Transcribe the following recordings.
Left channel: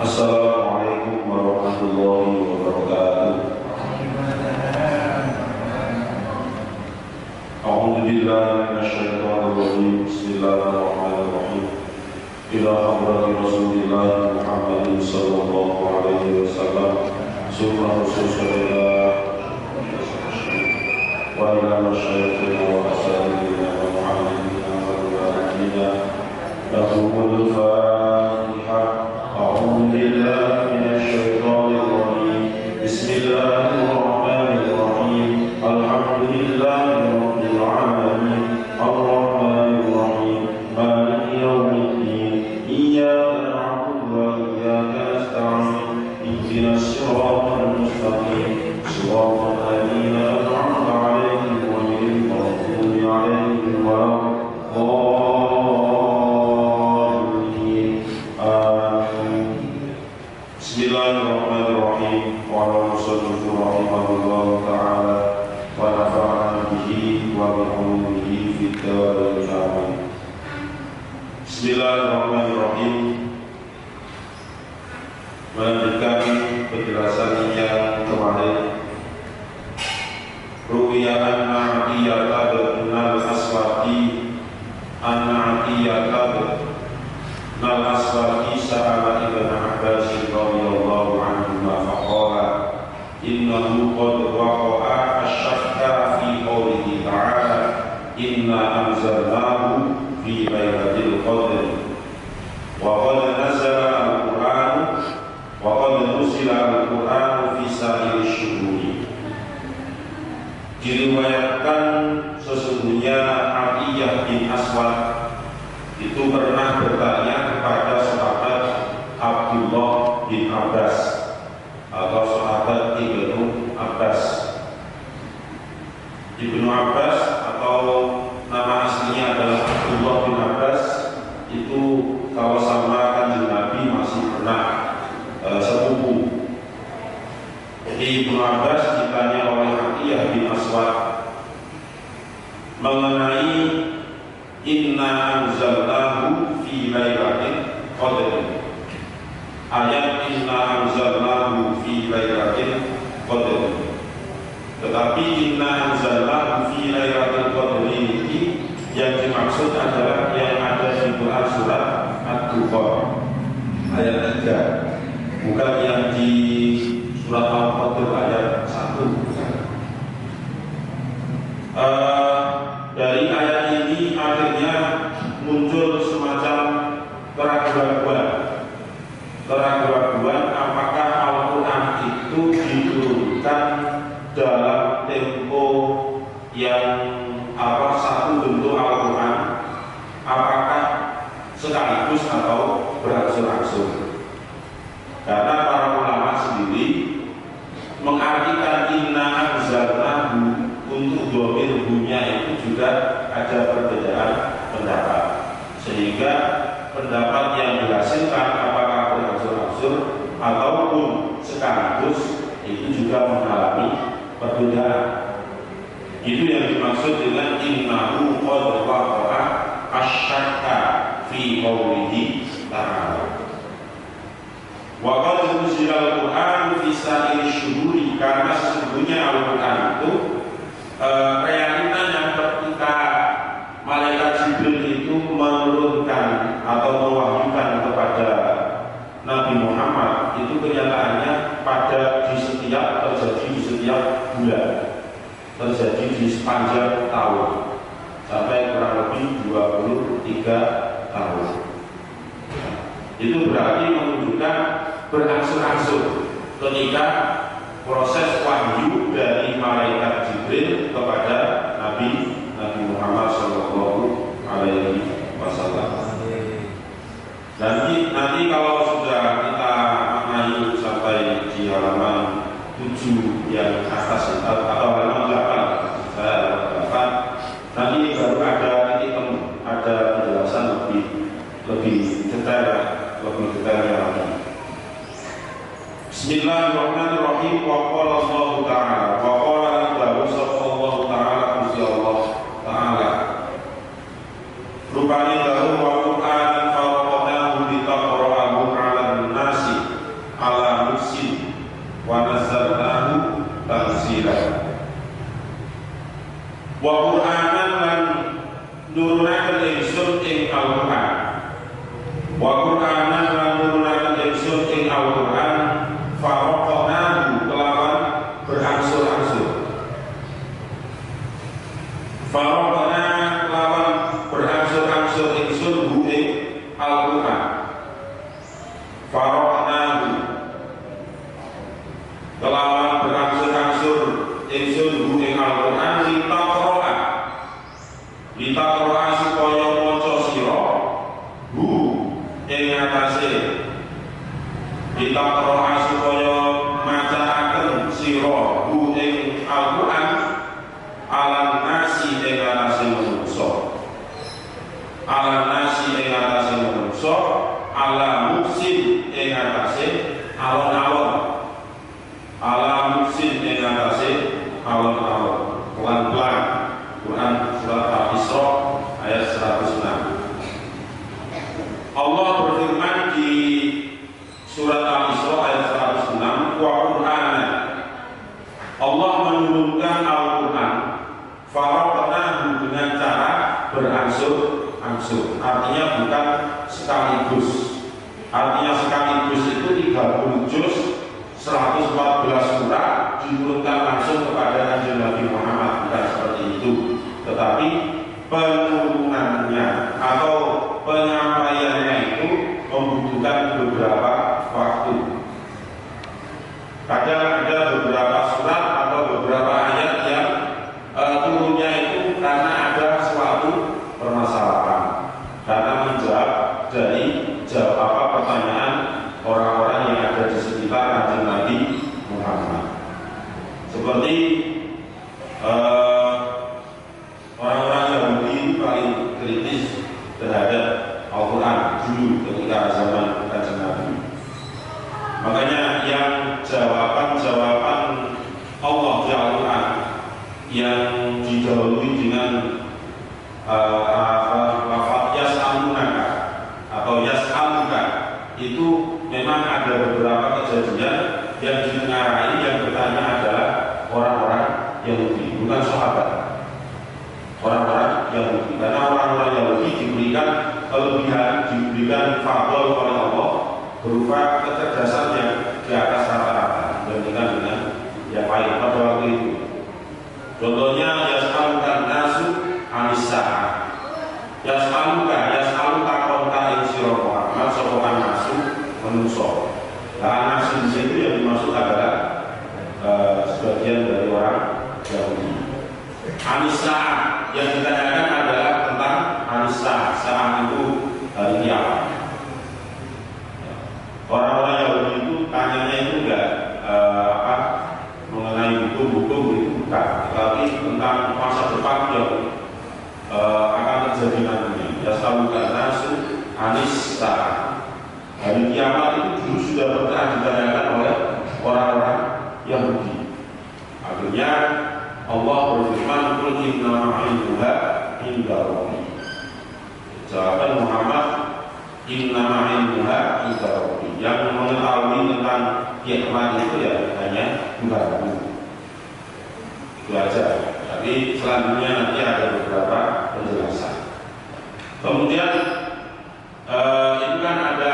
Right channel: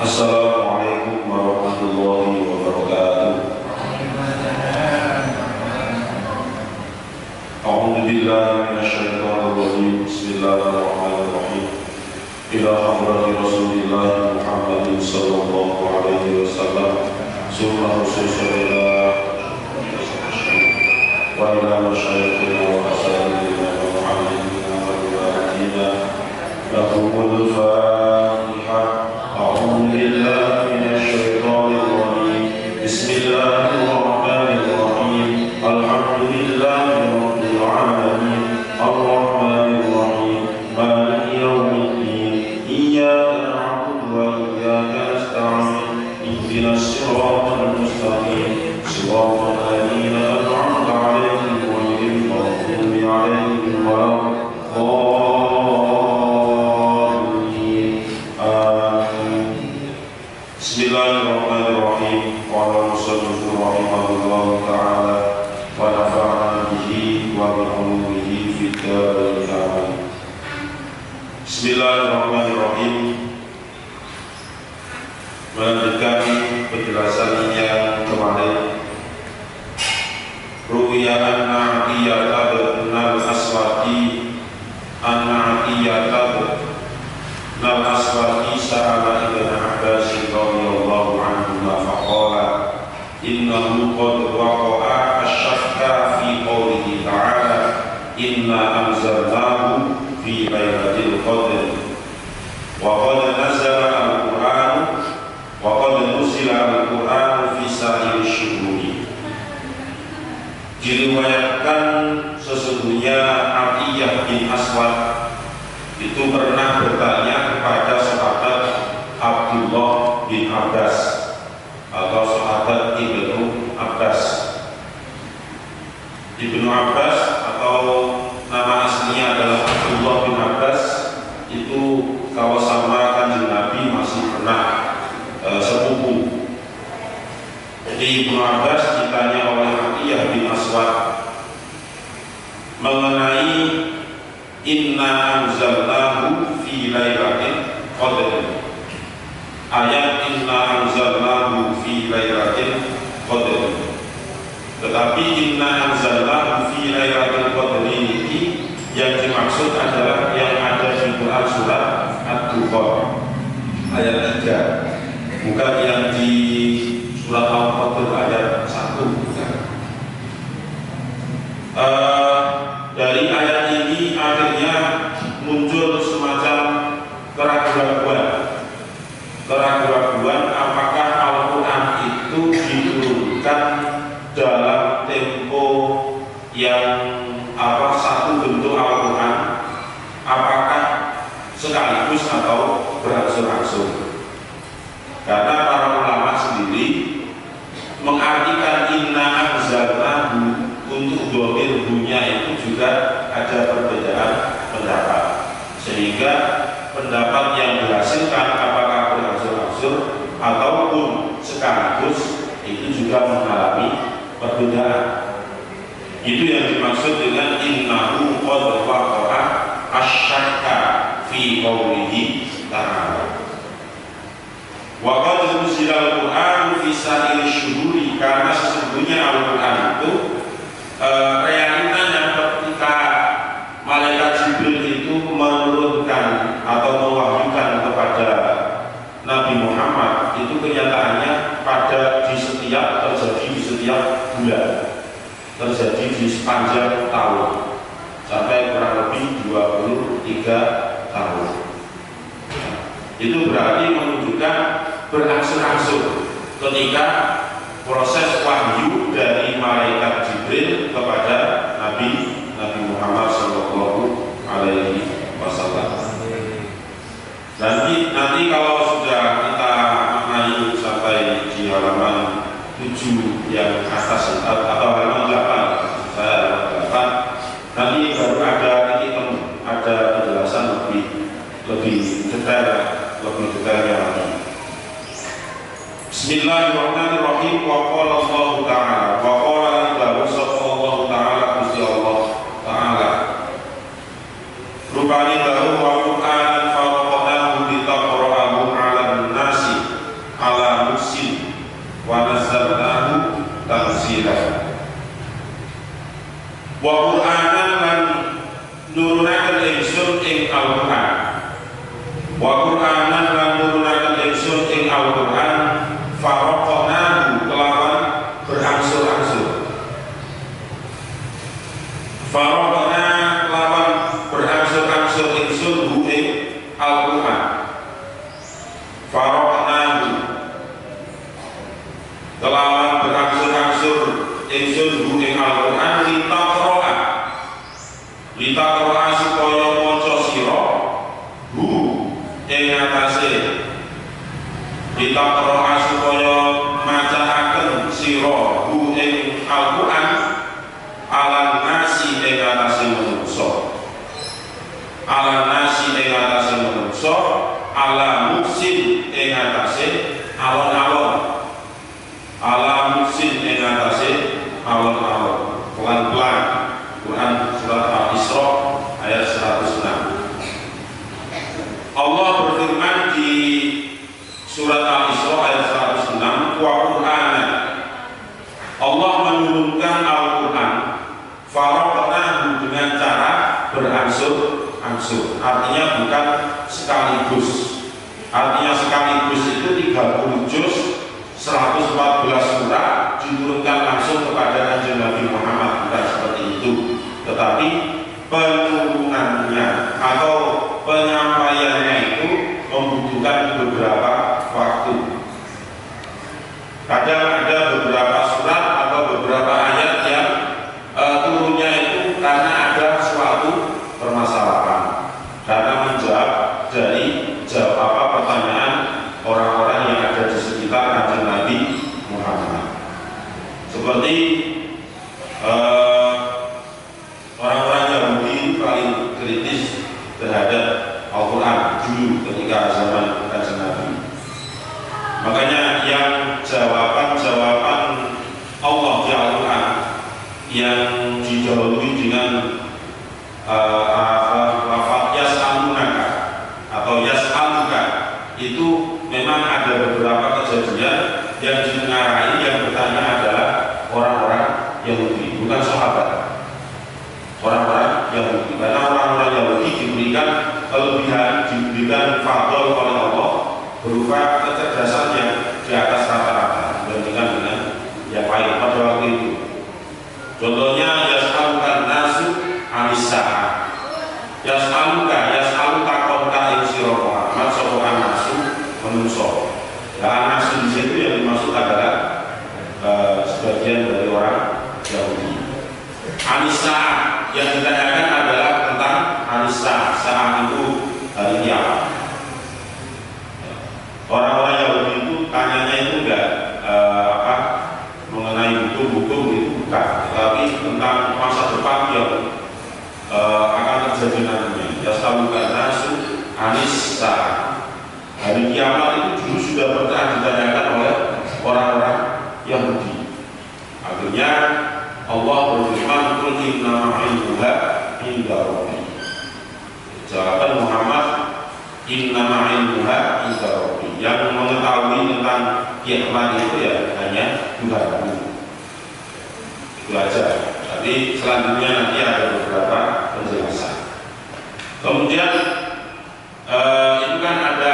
Assalamualaikum warahmatullahi wabarakatuh. A'udzu billahi minasyaitonir rajim. Bismillahirrahmanirrahim. Ila hadrati Rasulillah Muhammadin sallallahu alaihi wasallam. Summa rasulullah wa ila masyayikhina wa asatidina wa muallimina wa ulamaina. Lahumul Fatihah. أعوذ بالله من الشيطان الرجيم بسم الله الرحمن الرحيم الحمد لله رب العالمين الرحمن الرحيم مالك يوم الدين إياك نعبد وإياك نستعين اهدنا الصراط المستقيم صراط الذين أنعمت عليهم غير المغضوب عليهم ولا Bismillahirrahmanirrahim. Wa sallallahu rahimahullahu ta'ala wa nafa'ana bihi wa bi'ulumihi fid dharain amin. Bismillahirrahmanirrahim. Melanjutkan penjelasan yang kemarin. Ruwiya anna iyata bin al-aswadi Nal-Aswadi sa'ala Ibn Abbas radhiyallahu anhuma faqala innahu qad waqa'a asyakka fi qawlihi ta'ala inna anzalnahu fi lailatul qadr wa qad nazala al-Qur'an wa qad nuzila al-Qur'an fi sa'iri syuhuri. Diriwayatkan sesungguhnya Atiyah bin Aswad itu pernah bertanya kepada sahabat Abdullah bin Abbas atau sahabat Ibnu Abbas. Ibnu Abbas atau nama aslinya adalah Abdullah bin Abbas itu kalau sama Kanjeng Nabi masih pernah sepupu. Jadi Ibnu Abbas ditanya oleh Atiyah bin Aswad mengenai inna anzalnahu fi lailatul qadr. Ayat inna anzalnahu fi lailatul qadr. Tetapi inna anzalnahu fi lailatul qadr ini yang dimaksud adalah yang ada di Quran surat Ad-Dukhan ayat 3, bukan yang di surat Al-Qadr ayat 1. Dari ayat ini akhirnya muncul semacam keraguan apakah Al-Quran itu diturunkan dalam tempo yang satu bentuk Al-Quran, apakah sekaligus atau berangsur-angsur. Karena para ulama sendiri mengartikan inna anzalnahu untuk dhamir hunya itu juga ada perbedaan pendapat, sehingga pendapat yang dihasilkan apakah berangsur-angsur ataupun sekaligus itu juga mengalami perbedaan. Itu yang dimaksud dengan innahu qad waqa'a asyakka fi qawlihi ta'ala wa qad nuzila al-Qur'an fi sa'iri syuhuri, karena sesungguhnya Al-Quran itu realitanya ketika malaikat Jibril itu menurunkan atau mewahyukan kepada Nabi Muhammad, itu kenyataannya pada di setiap di sepanjang tahun sampai kurang lebih 23 tahun. Itu berarti menunjukkan berangsur-angsur ketika proses wahyu dari malaikat Jibril kepada Nabi Muhammad Shallallahu Alaihi Wasallam. Nanti kalau sudah kita maknai sampai di halaman 7 yang atas atau halaman 8, saya halaman 8, nanti baru ada titik temu, ada penjelasan lebih detailnya lagi. Bismillahirrahmanirrahim. Wa qala Allah Ta'ala wa qala lahu sallallahu ta'ala Gusti Allah Ta'ala rupani lahu wa Qur'an faraqnahu litaqra'ahu 'alan nasi 'ala muksin wa nazzalnahu tanzila. Wa Qur'anan lan nurunaken ingsun ing Al-Qur'an. Wa Qur'anan lan nurunaken ingsun ing Al-Qur'an faraqnahu kelawan berangsur-angsur. Faraqna kelawan berangsur-angsur ingsun hu ing Al-Qur'an. Faraqnahu kelawan berangsur-angsur ingsun hu ing Al-Qur'an litaqra'a supaya maca sira hu ing atase litaqra'a supaya macaaken sira hu ing Al-Qur'an alan nasi ing atase manungsa, alan nasi ing atase manungsa, ala muksin ing atase alon-alon, ala muksin ing atase alon-alon. Pelan-pelan. Quran surat Al-Isra ayat 106. Allah berfirman di surat Al-Isra ayat 106, wa Qur'anan, Allah menurunkan Al-Quran faraqnahu dengan cara berangsur-angsur, artinya bukan sekaligus. Artinya sekaligus itu 30 juz 114 surat diturunkan langsung kepada Kanjeng Nabi Muhammad, bukan seperti itu. Tetapi penurunannya atau penyampaiannya itu membutuhkan beberapa waktu. Kadang ada beberapa surat atau beberapa ayat yang turunnya itu karena ada suatu permasalahan, karena menjawab dari pertanyaan orang-orang yang ada di sekitar Kanjeng Nabi Muhammad. Seperti orang-orang Yahudi paling kritis terhadap Al-Quran dulu ketika zaman Kanjeng Nabi. Makanya yang jawaban-jawaban Allah di Al-Quran yang didahului dengan lafaz yas'alunaka atau yas'aluka, itu memang ada beberapa kejadian yang ditengarai yang bertanya adalah orang-orang Yahudi, bukan sahabat. Orang-orang Yahudi, karena orang-orang Yahudi diberikan kelebihan, diberikan fadl oleh Allah berupa kecerdasan yang di atas rata-rata dibandingkan dengan yang lain pada waktu itu. Contohnya yas'alukan nasu anis-sa'ah. Yas'aluka konka ing sira Muhammad sapa nasu manusa. Nah, nasu di situ yang dimaksud adalah sebagian dari orang Yahudi. Anis-sa'ah yang ditanyakan adalah tentang anis-sa'ah. Sa'ah itu hari kiamat. Orang-orang Yahudi itu tanyanya itu enggak mengenai hukum-hukum itu bukan, tetapi tentang masa depan yang akan terjadi nantinya. Yas'alukan nasu anis-sa'ah. Hari kiamat itu dulu sudah pernah ditanyakan oleh orang-orang Yahudi. Akhirnya Allah berfirman, "Qul innama ilmuha inda rabbi." Jawaban Muhammad, innama ilmuha inda rabbi. Yang mengetahui tentang kiamat itu ya hanya Tuhanmu. Itu aja. Tapi selanjutnya nanti ada beberapa penjelasan. Kemudian itu kan ada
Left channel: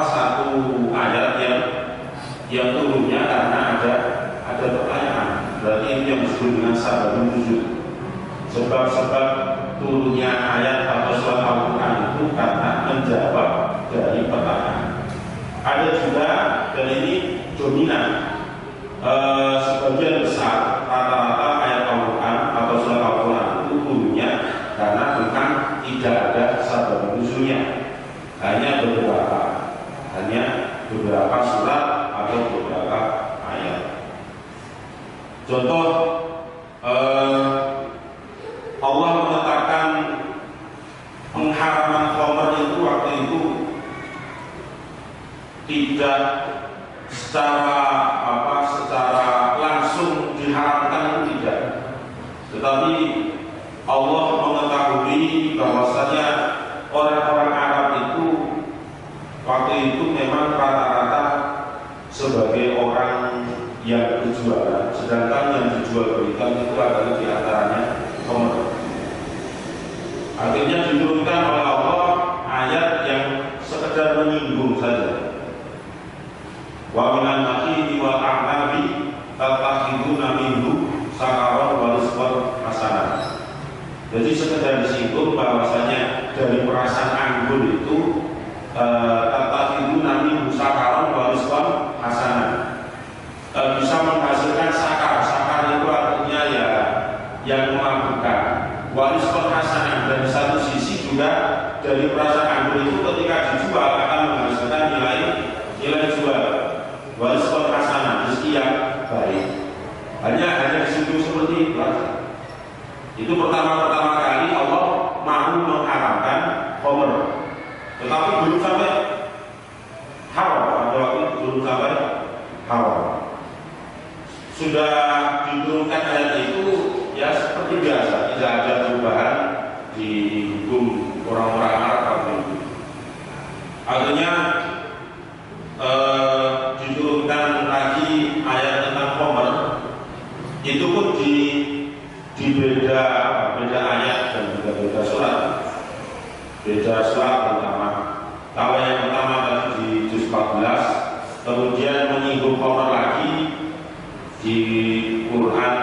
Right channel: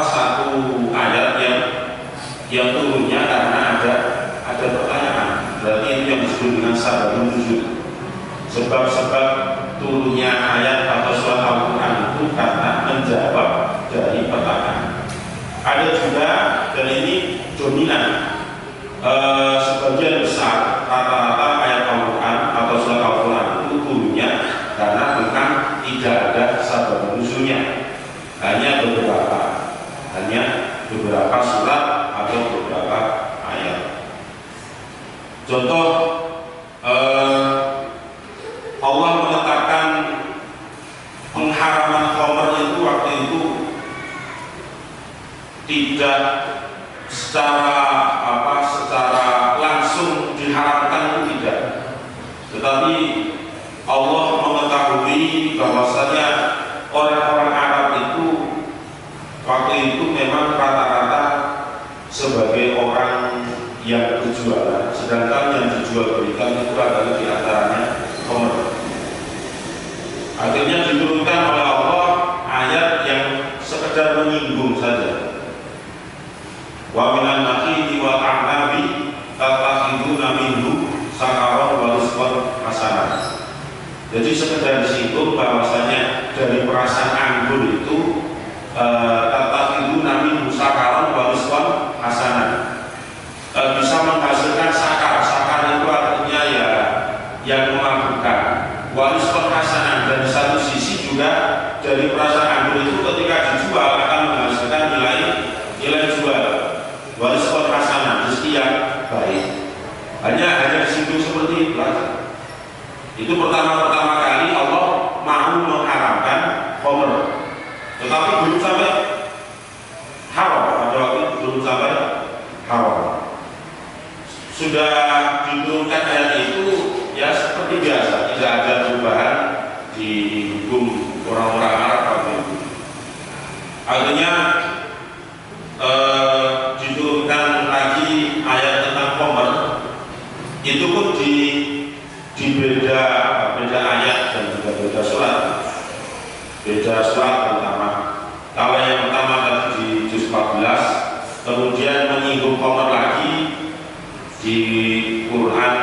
satu ayat yang turunnya karena ada pertanyaan. berarti itu yang disebut dengan sababun nuzul. Sebab-sebab turunnya ayat atau surat Al-Quran itu karena menjawab dari pertanyaan. Ada juga, dan ini dominan, sebagian besar rata-rata ayat Al-Quran atau surat Al-Quran itu turunnya karena bukan tidak ada sabab nuzulnya, hanya beberapa surat atau beberapa ayat. Contoh, Allah menetapkan pengharaman khamr itu waktu itu tidak secara langsung diharamkan, itu tidak, tetapi Allah mengetahui bahwasanya orang-orang Arab itu waktu itu memang rata-rata sebagai orang yang berjualan, sedangkan yang dijual belikan itu adalah diantaranya khamr. Akhirnya diturunkan oleh Allah ayat yang sekedar menyinggung saja. Wa minan nakhili wal a'nabi tattakhiduna minhu sakaron wa rizqan hasanah. Jadi sekedar disinggung bahwasanya dari perasan anggur itu tattakhiduna minhu sakaron wa rizqan hasanah, bisa menghasilkan sakar. Sakar itu artinya ya yang memabukkan. Wa rizqan hasanah, dan di satu sisi juga dari perasan anggur itu ketika dijual akan menghasilkan nilai jual. Wa rizqan hasanah, rezeki yang baik. Hanya disinggung seperti itu saja. Itu pertama kali Allah mau mengharamkan khamr, tetapi belum sampai haram. Pada waktu itu belum sampai haram. Sudah diturunkan ayat itu ya seperti biasa, tidak ada perubahan di hukum orang-orang Arab waktu itu. Akhirnya diturunkan lagi ayat tentang khamr. Itu pun di beda ayat dan juga beda surat. Beda surat pertama. Kalau yang pertama tadi di juz 14, kemudian menyinggung khamr lagi di Quran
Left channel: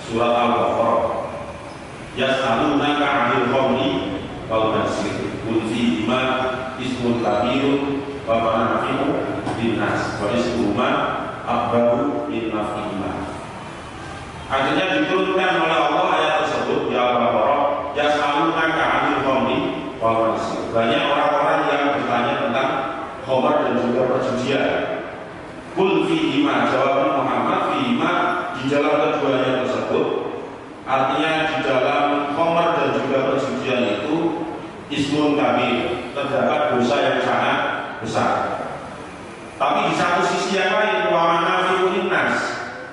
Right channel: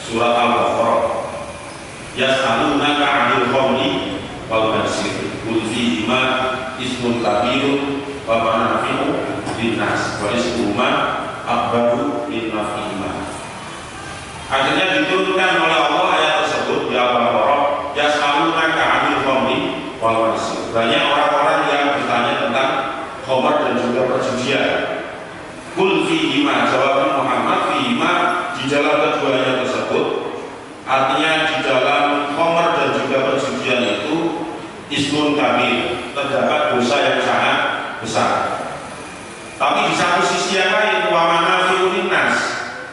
surat Al-Baqarah. Yas'alunaka 'anil khamri wal maisir qul fihima ismun kabirun wa manafi'u linnas wa ismuhuma akbaru min naf'ihima. Akhirnya diturunkan oleh Allah ayat tersebut di Al-Baqarah, yas'alunaka 'anil khamri wal maisir. Banyak orang-orang yang bertanya tentang khamr dan juga perjudian. Qul fihima, jawab Muhammad, fihima, di dalam keduanya tersebut, artinya di dalam khamr dan juga perjudian itu ismun kabir, terdapat dosa yang sangat besar. Tapi di satu sisi yang lain, wa manafi'u linnas,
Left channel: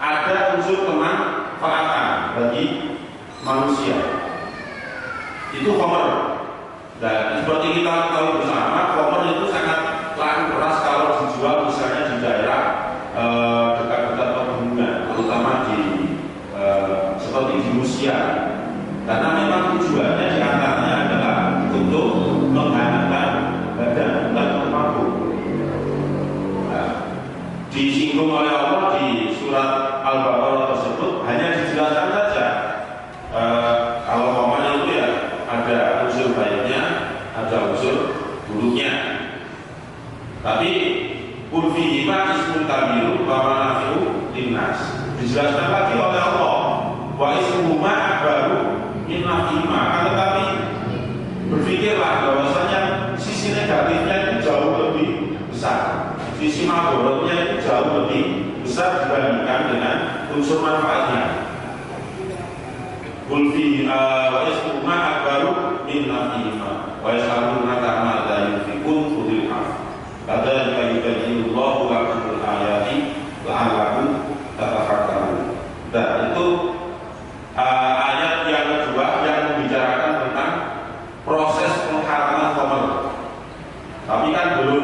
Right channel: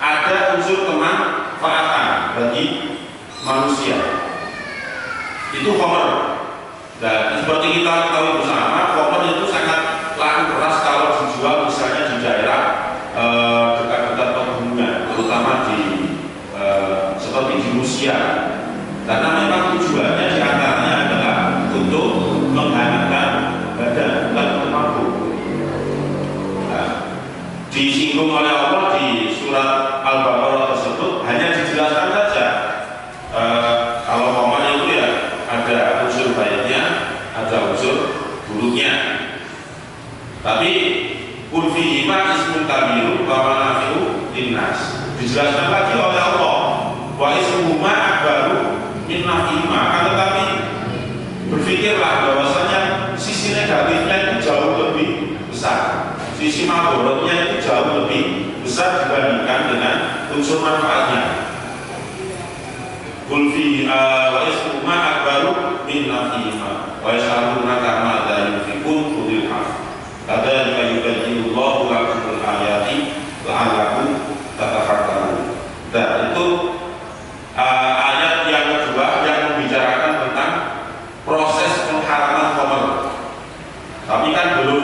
ada unsur kemanfaatan bagi manusia. Itu khamr. Dan seperti kita ketahui bersama, khamr itu sangat laku keras kalau dijual misalnya di daerah dekat-dekat pegunungan, terutama di seperti di Rusia, karena memang tujuannya diantaranya adalah untuk menghangatkan badan, bukan untuk mabuk. Disinggung oleh Allah di surat Al-Baqarah tersebut, hanya dijelaskan saja kalau khamr itu ya ada unsur baiknya, ada unsur buruknya. Tapi qul fihima ismun kabirun wa manafi'u linnas, dijelaskan lagi oleh Allah, wa ismuhuma akbaru min naf'ihima. Akan tetapi berpikirlah bahwasanya sisi negatifnya itu jauh lebih besar, sisi madharatnya itu jauh lebih besar dibandingkan dengan unsur manfaatnya. Qul fi wa ismuhuma akbaru min naf'ihima wa yas'alunaka madza yunfiqun qulil 'afw kadzalika yubayyinullahu lakumul ayati la'allakum tatafakkarun. Dan itu ayat yang kedua yang membicarakan tentang proses pengharaman khamr. Tapi kan belum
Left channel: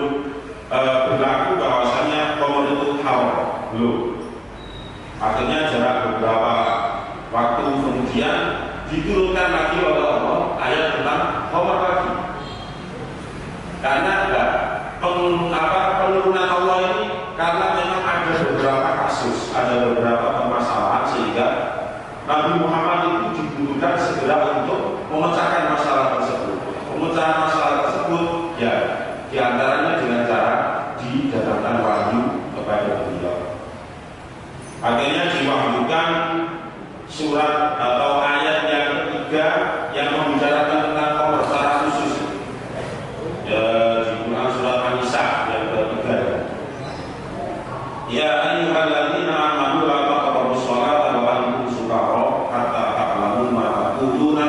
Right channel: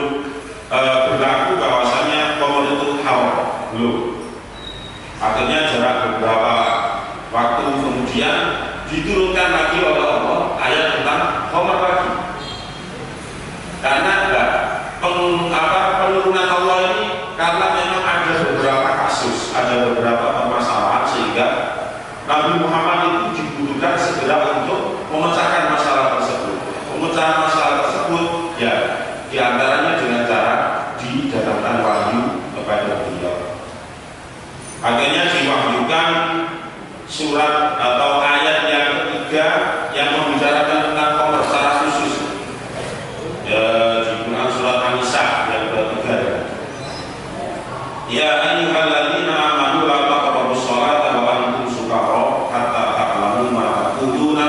berlaku bahwasanya khamr itu haram, belum. Akhirnya jarak beberapa waktu kemudian diturunkan lagi oleh Allah ayat tentang khamr lagi. Karena penurunan Allah ini karena memang ada beberapa kasus, ada beberapa permasalahan Muhammad itu dibutuhkan segera untuk memecahkan masalah tersebut. Pemecahan masalah tersebut ya diantaranya dengan cara didatangkan wahyu kepada beliau. Akhirnya diwahyukan surat atau ayat yang ketiga yang membicarakan tentang khomer secara khusus ya, di Quran surat An-Nisa yang ketiga. Ya ayyuhalladzina amanu la taqrabus sholata wa antum sukara hatta ta'lamu ma taquluna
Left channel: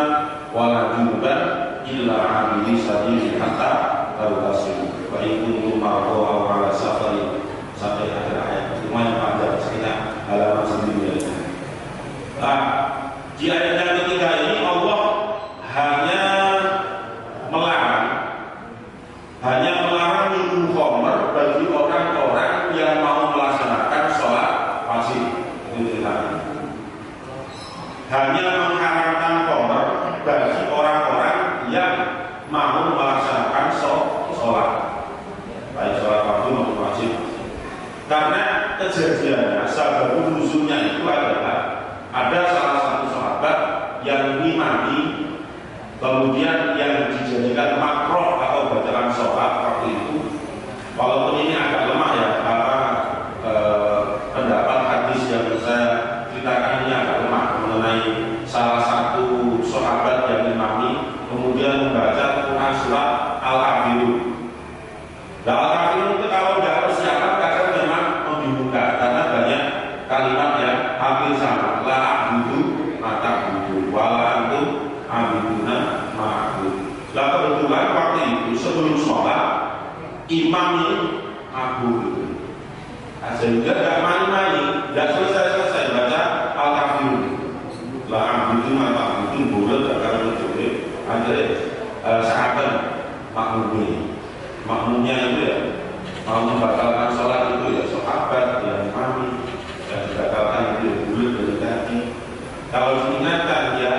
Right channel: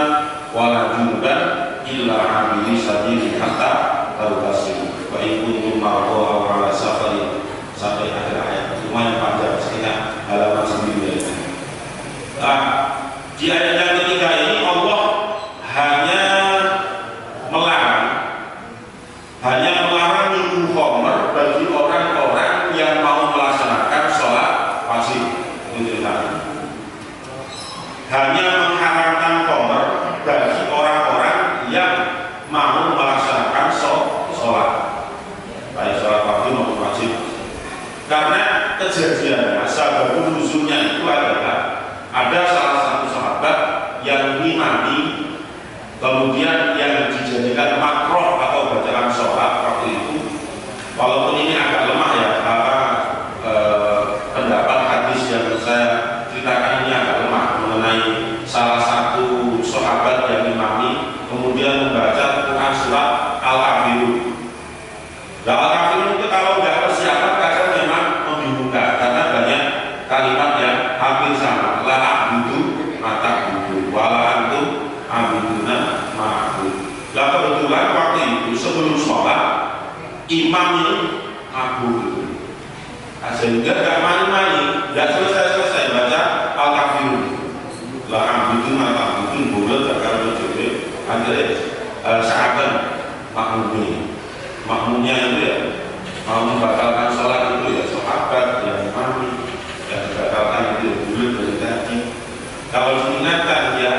wa la junuban illa 'abiri sabili hatta taghtasilu wa in kuntum marḍā aw 'alā safarin sampai akhir ayat. Lumayan panjang sekitar halaman 9. Nah, di ayat yang ketiga ini Allah hanya melarang minum khamr bagi orang-orang yang mau melaksanakan sholat wajib. Hanya mengharamkan khamr bagi orang-orang yang mau melaksanakan sholat, baik sholat wajib maupun wajib. Karena kejadiannya, sababun nuzulnya itu adalah ada salah satu sahabat yang ngimami, kemudian yang dijadikan makruh atau bacaan sholat waktu itu. Walaupun ini agak lemah ya, pendapat hadis yang saya ceritakan ini agak lemah mengenai salah satu sahabat yang ngimami kemudian membaca Quran surat Al-Kafirun. Nah, Al-Kafirun itu kalau nggak persiapan kadang memang membingungkan karena banyak kalimat yang hampir sama. La a'budu mata budu wala antum abiduna ma'bud. Lah kebetulan waktu itu sebelum sholat imam ini mabuk, sehingga gak mani-mani, gak selesai baca Al-Kafirun. La a'budu mata budu boleh bakal mencoba akhirnya sahabat makmumnya itu ya mau membatalkan sholat itu ya sahabat yang imami yang dibatalkan itu ya boleh berhenti. Kalau diingatkan ya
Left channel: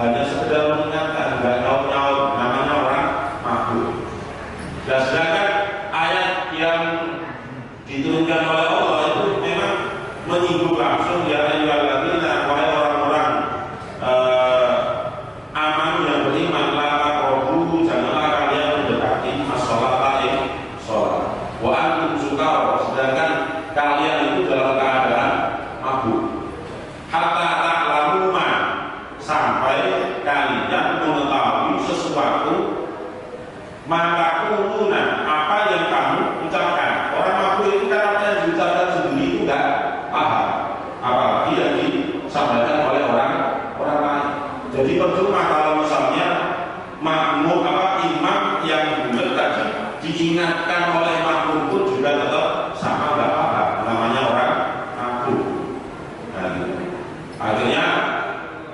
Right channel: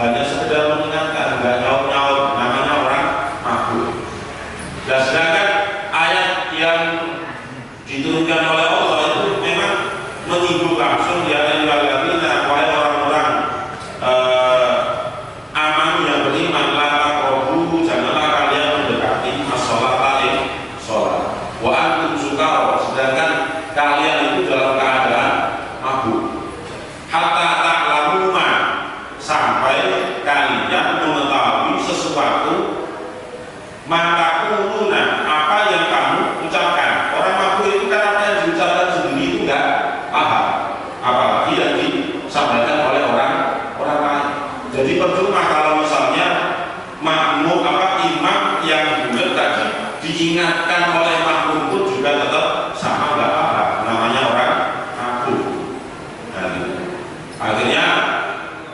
hanya sekedar mengingatkan, nggak nyaut-nyaut, namanya orang mabuk. Dan sedangkan ayat yang diturunkan oleh Allah itu memang menyinggung langsung ya ayyuhalladzina wahai orang-orang aman yang beriman la taqrabu janganlah kalian mendekati as-sholata sholat wa antum sukara sedangkan kalian itu dalam keadaan mabuk hatta ta'lamu ma sampai kalian mengetahui sesuatu maka kuluna apa yang kamu ucapkan. Orang mabuk itu kan apa yang diucapkan sendiri itu enggak paham, apalagi yang disampaikan oleh orang lain. Jadi percuma kalau misalnya makmum imam yang bulat tadi diingatkan oleh makmum pun juga tetap sama enggak paham, namanya orang mabuk. Nah, akhirnya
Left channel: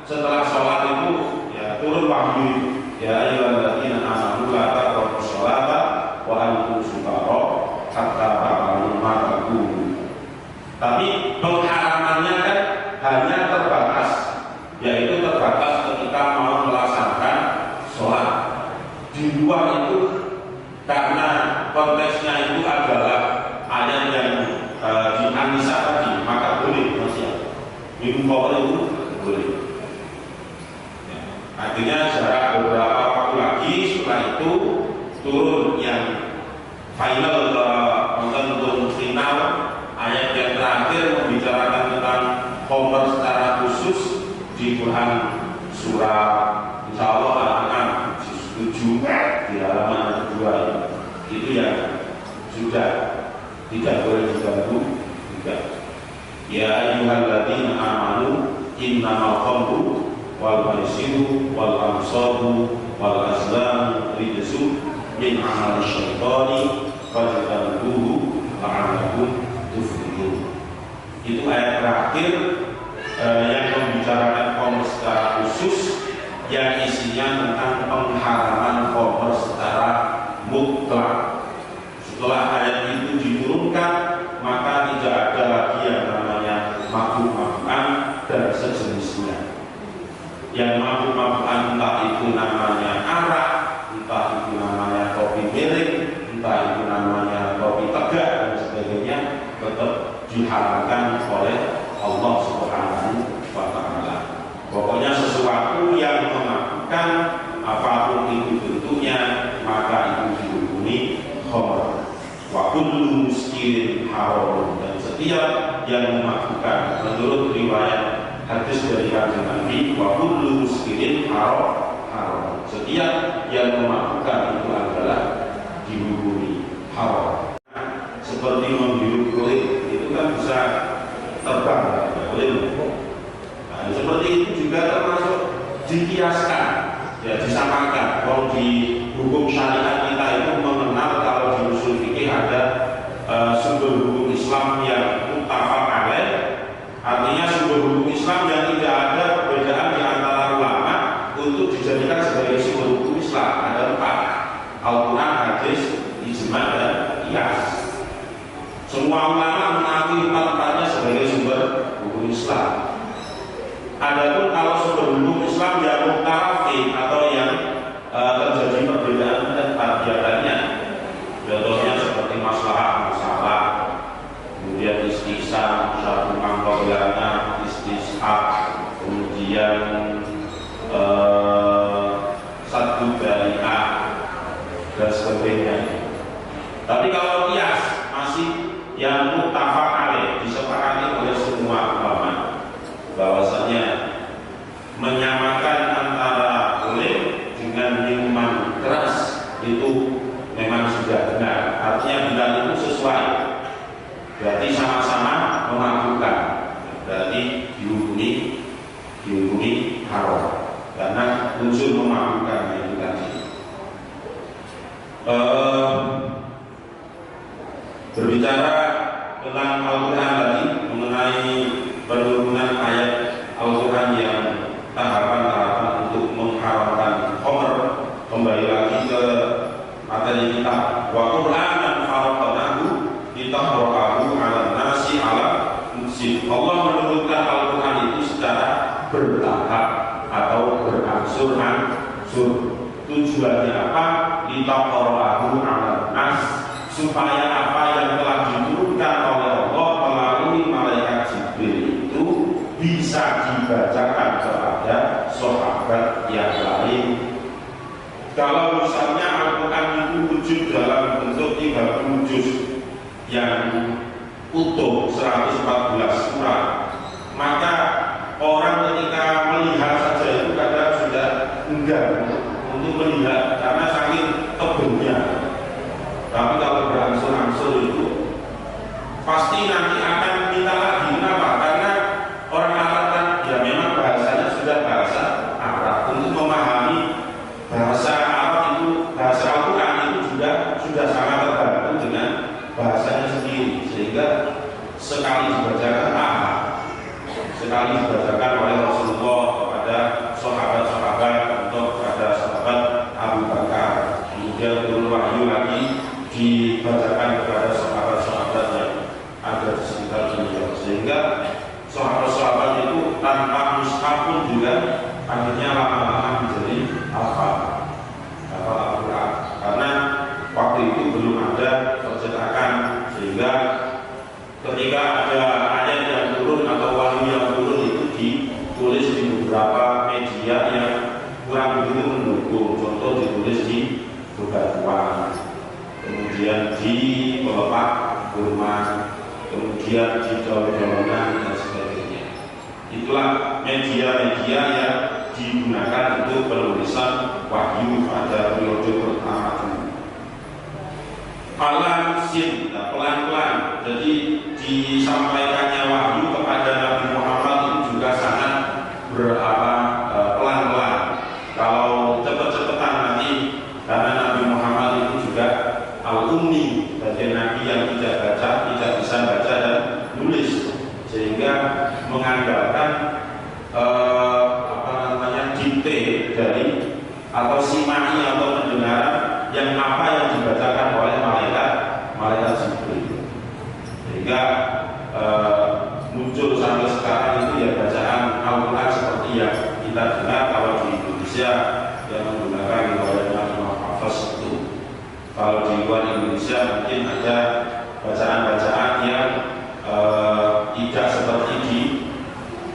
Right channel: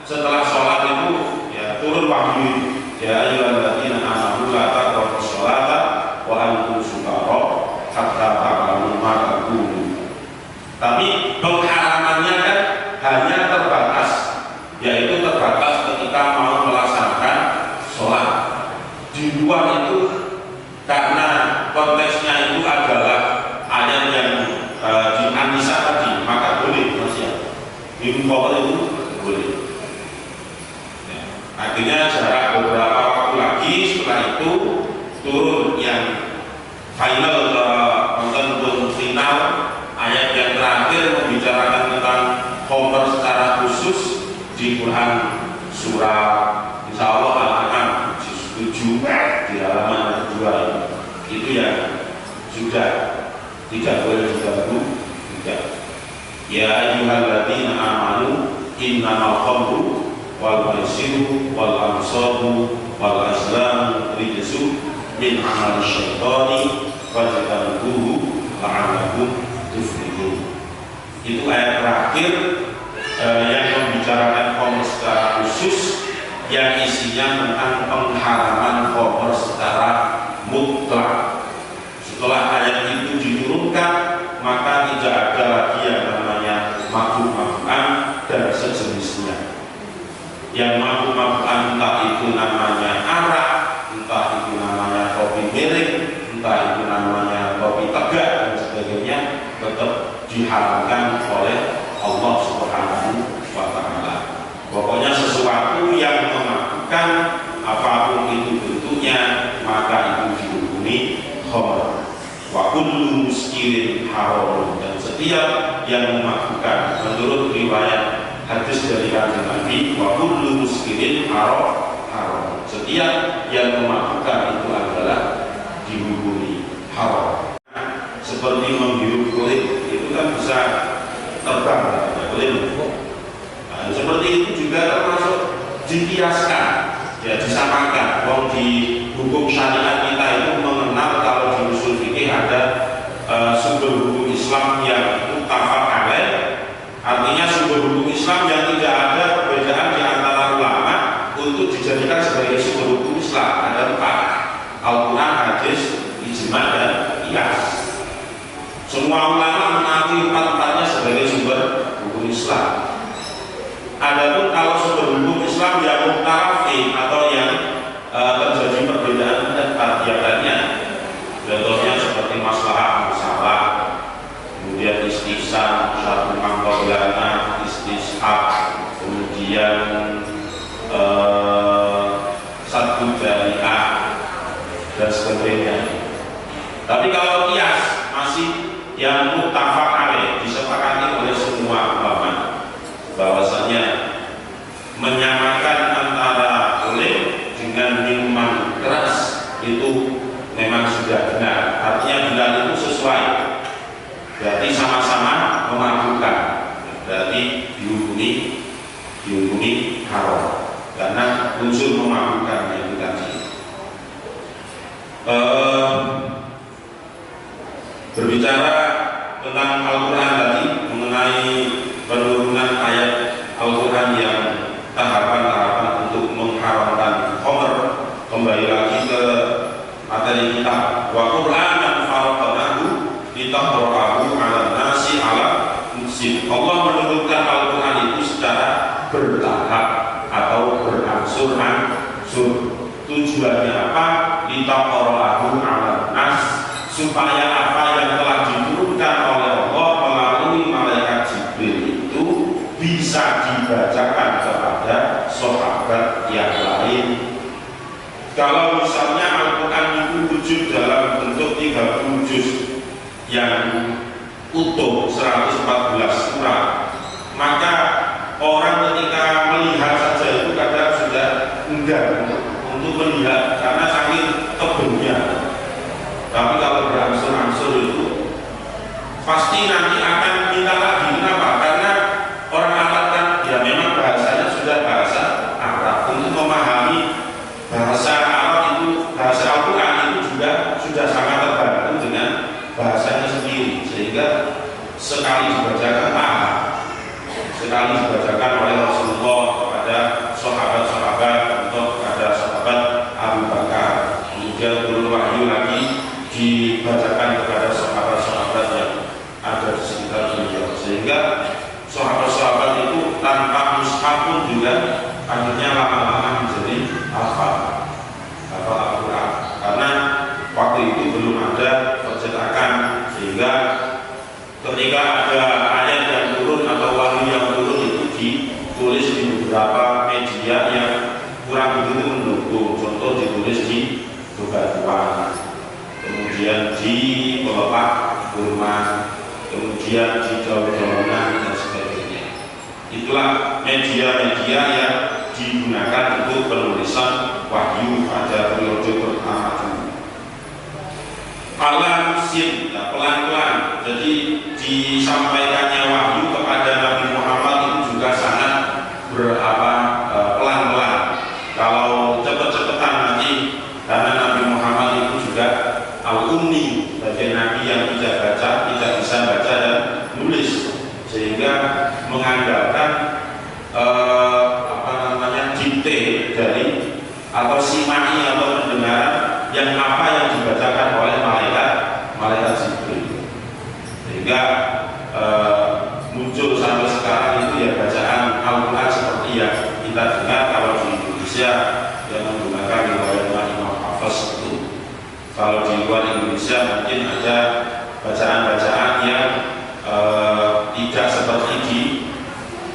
setelah sholat itu ya turun wahyu ya ayyuhalladzina amanu la taqrabus sholata wa antum sukara hatta ta'lamu ma taqulun. Tapi pengharamannya kan hanya terbatas, yaitu terbatas ketika mau melaksanakan sholat. Di luar itu karena konteksnya itu adalah ayat yang di An-Nisa tadi, maka boleh masih minum khamr itu boleh. Akhirnya jarak beberapa waktu lagi setelah itu turun yang final final ayat yang terakhir membicarakan tentang khamr secara khusus di Quran surah Insya Allah Al-An'am 7 di halaman 2 itu yang sudah tidak boleh diganggu tidak. Ya ayyuhalladzina amanu innamal khamru wal maisiru wal ansabu wal azlamu rijsun min amali syaitani fajtanibuhu la'allakum tuflihun. Itu ayat terakhir yang membicarakan khamr secara khusus yang isinya tentang pengharaman khamr secara mutlak. Setelah ayat itu diturunkan maka tidak ada lagi yang namanya mabuk-mabukan dan sejenisnya. Yang mabuk-mabukan entah itu namanya arak, entah itu namanya kopi miring, entah itu namanya kopi tegak dan sebagainya, tetap diharamkan oleh Allah Subhanahu wa Ta'ala. apapun itu bentuknya, maka itu dihukumi khamr. Wa kullu muskirin haram, dan setiap yang memabukkan, menurut riwayat hadis dari Kanjeng Nabi, wa kullu muskirin haram, setiap yang memabukkan itu adalah dihukumi haram. Seperti menghirup kulit, itu kan bisa terbang, boleh. Nah, seperti itu juga termasuk dikiaskan, ya disamakan. Kalau di hukum syariat kita itu mengenal, kalau di usul fikih ada sumber hukum Islam yang muttafaq alaih, artinya sumber hukum Islam yang tidak ada perbedaan di antara ulama untuk dijadikan sebagai sumber hukum Islam. Ada 4: Al-Quran, hadis, ijma, dan qiyas. Semua ulama mengakui 4-4-nya sebagai sumber hukum Islam. Adapun kalau sumber hukum Islam yang mukhtalafin atau yang terjadi perbedaan pendapat diantaranya, contohnya seperti masalah musalah, kemudian istisna, syarul mangkobilana, istishab, kemudian satu dariah dan sebagainya. Tapi kalau qiyas masih yang muttafaq alaih, disepakati oleh semua ulama, bahwasanya menyamakan antara kulit dengan minuman keras itu memang sudah benar. Artinya benar itu sesuai, berarti sama-sama memabukkan, berarti dihukumi haram karena unsur memabukkan itu tadi. Berbicara tentang Al-Quran tadi, mengenai penurunan ayat Al-Quran yang tahapan-tahapan untuk mengharamkan khamr, kembali lagi ke materi kita. Wa Qur'anan faraqnahu litaqra'ahu 'alan nasi 'ala muksin. Allah menurunkan Al-Quran itu secara bertahap atau berangsur-angsur. Tujuannya apa? Litaqra'ahu 'alan nas, supaya apa yang telah diturunkan oleh Allah melalui malaikat Jibril itu bisa dibacakan kepada sahabat yang lain. Kalau misalnya Al-Quran itu wujud dalam bentuk 30 juz yang utuh 114 surat, maka orang ketika melihat saja itu kadang sudah enggan untuk melihat karena saking tebelnya. Tapi kalau berangsur-angsur itu pasti nanti akan minta lagi. Kenapa? Karena orang Arab kan ya memang bahasanya sudah bahasa Arab. Untuk memahami bahasa Arab itu, bahasa Al-Quran itu juga sudah sangat terbantu dengan bahasanya sendiri, sehingga sekali dibacakan sekali dibacakan oleh Rasulullah kepada sahabat-sahabat, untuk kepada sahabat Abu Bakar, kemudian turun wahyu lagi dibacakan kepada sahabat-sahabat yang ada di sekitar beliau, sehingga sahabat-sahabat itu tanpa mushaf pun juga akhirnya lama-lama menjadi hafal Al-Quran, karena waktu itu belum ada percetakan, sehingga ketika ada ayat yang turun atau wahyu yang turun itu ditulis di beberapa media yang kurang begitu mendukung. Contoh ditulis di Bebatuan, kemudian di Pelepah Burman, kemudian di Daun-daunan dan sebagainya. Itulah media-media yang digunakan untuk penulisan wahyu pada periode pertama dulu. Al-Sin, pelan-pelan. Jadi disampaikannya wahyu kepada Nabi Muhammad itu juga sangat pelan-pelan. Kalau cepet-cepetan nanti, karena Nabi Muhammad itu juga al-ummi, bagian Nabi yang tidak baca, tidak bisa baca dan nulis, sehingga mengandalkan dikte dari atau simai atau pendengaran yang apa yang dibacakan oleh malaikat Jibril, sehingga muncul sampai sekarang itu ya bacaan Al-Quran seperti yang kita dengar kalau di Indonesia yang menggunakan riwayat Imam Hafiz itu. Kalau di luar Indonesia mungkin ada bacaan-bacaan yang tidak seperti di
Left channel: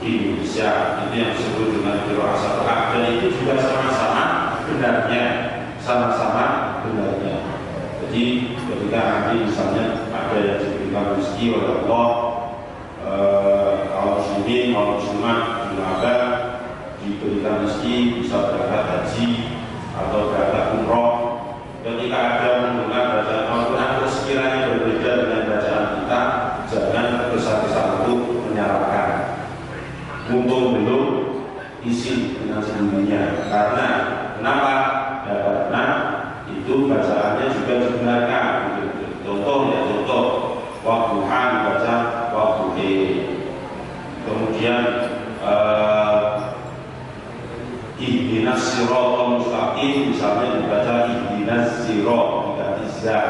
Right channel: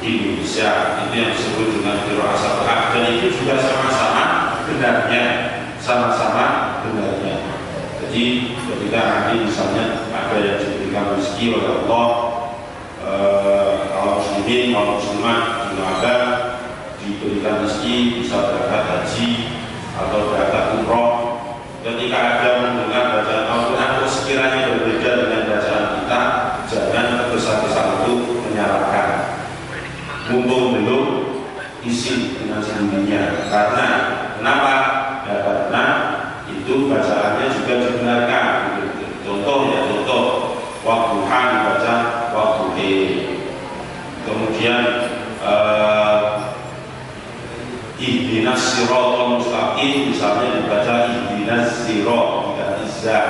Indonesia, itu yang disebut dengan qiraat sab'ah, dan itu juga sama-sama benarnya, sama-sama benarnya. Jadi ketika nanti misalnya ada yang diberikan rezeki oleh Allah, kalau muslimin, kalau muslimat di mana diberikan rezeki bisa berangkat haji atau berangkat umroh, ketika ada mendengar bacaan Al-Quran sekiranya berbeda dengan bacaan kita, jangan tergesa-gesa untuk menyalahkan. Mumpung belum isi dengan sendirinya. Karena kenapa? Ya, karena itu bacaannya juga dibenarkan. Contoh ya, contoh waktuha dibaca waktuhe. Kemudian ihdinas siratal mustaqim misalnya dibaca ihdinas sirat tidak izza.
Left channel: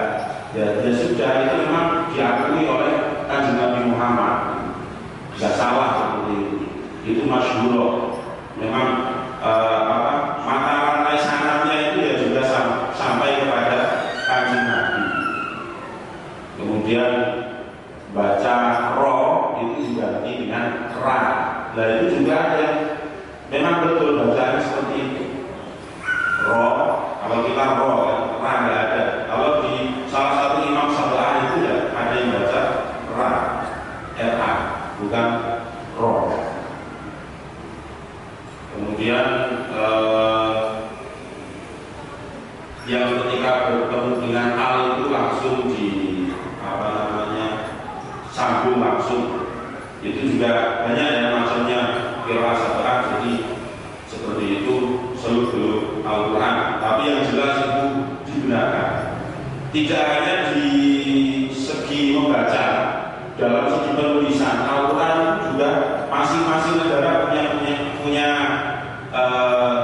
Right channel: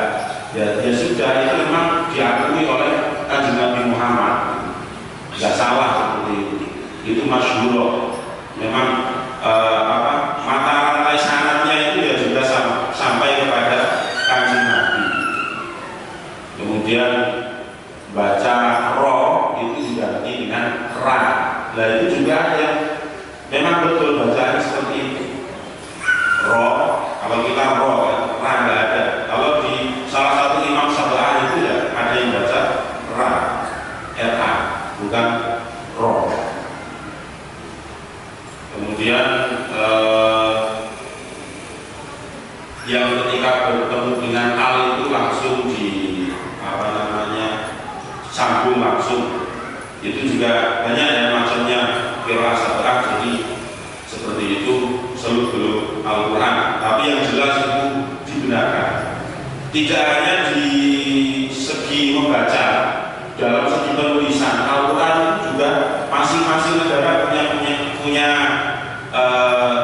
Ya sudah, itu memang diakui oleh Kanjeng Nabi Muhammad, nggak salah seperti itu. Itu masyhur. Memang mata rantai sanadnya itu ya juga sampai kepada Kanjeng Nabi. Kemudian baca ro itu diganti dengan ra. Nah itu juga yang memang betul bacaan seperti itu. Ro, kalau kita ro, ra nggak ada. Kalau di salah satu imam Syafi'i itu ya ada yang baca ra, ra, bukan ro. Kemudian yang ketika bertemu dengan al itu langsung di sambung langsung, itu juga banyak ya macamnya kira sabar. Jadi seperti itu seluruh Al-Quran, tapi yang jelas itu dibenarkan. Tidak hanya di segi membaca, dalam segi penulisan Al-Quran itu juga masing-masing negara punya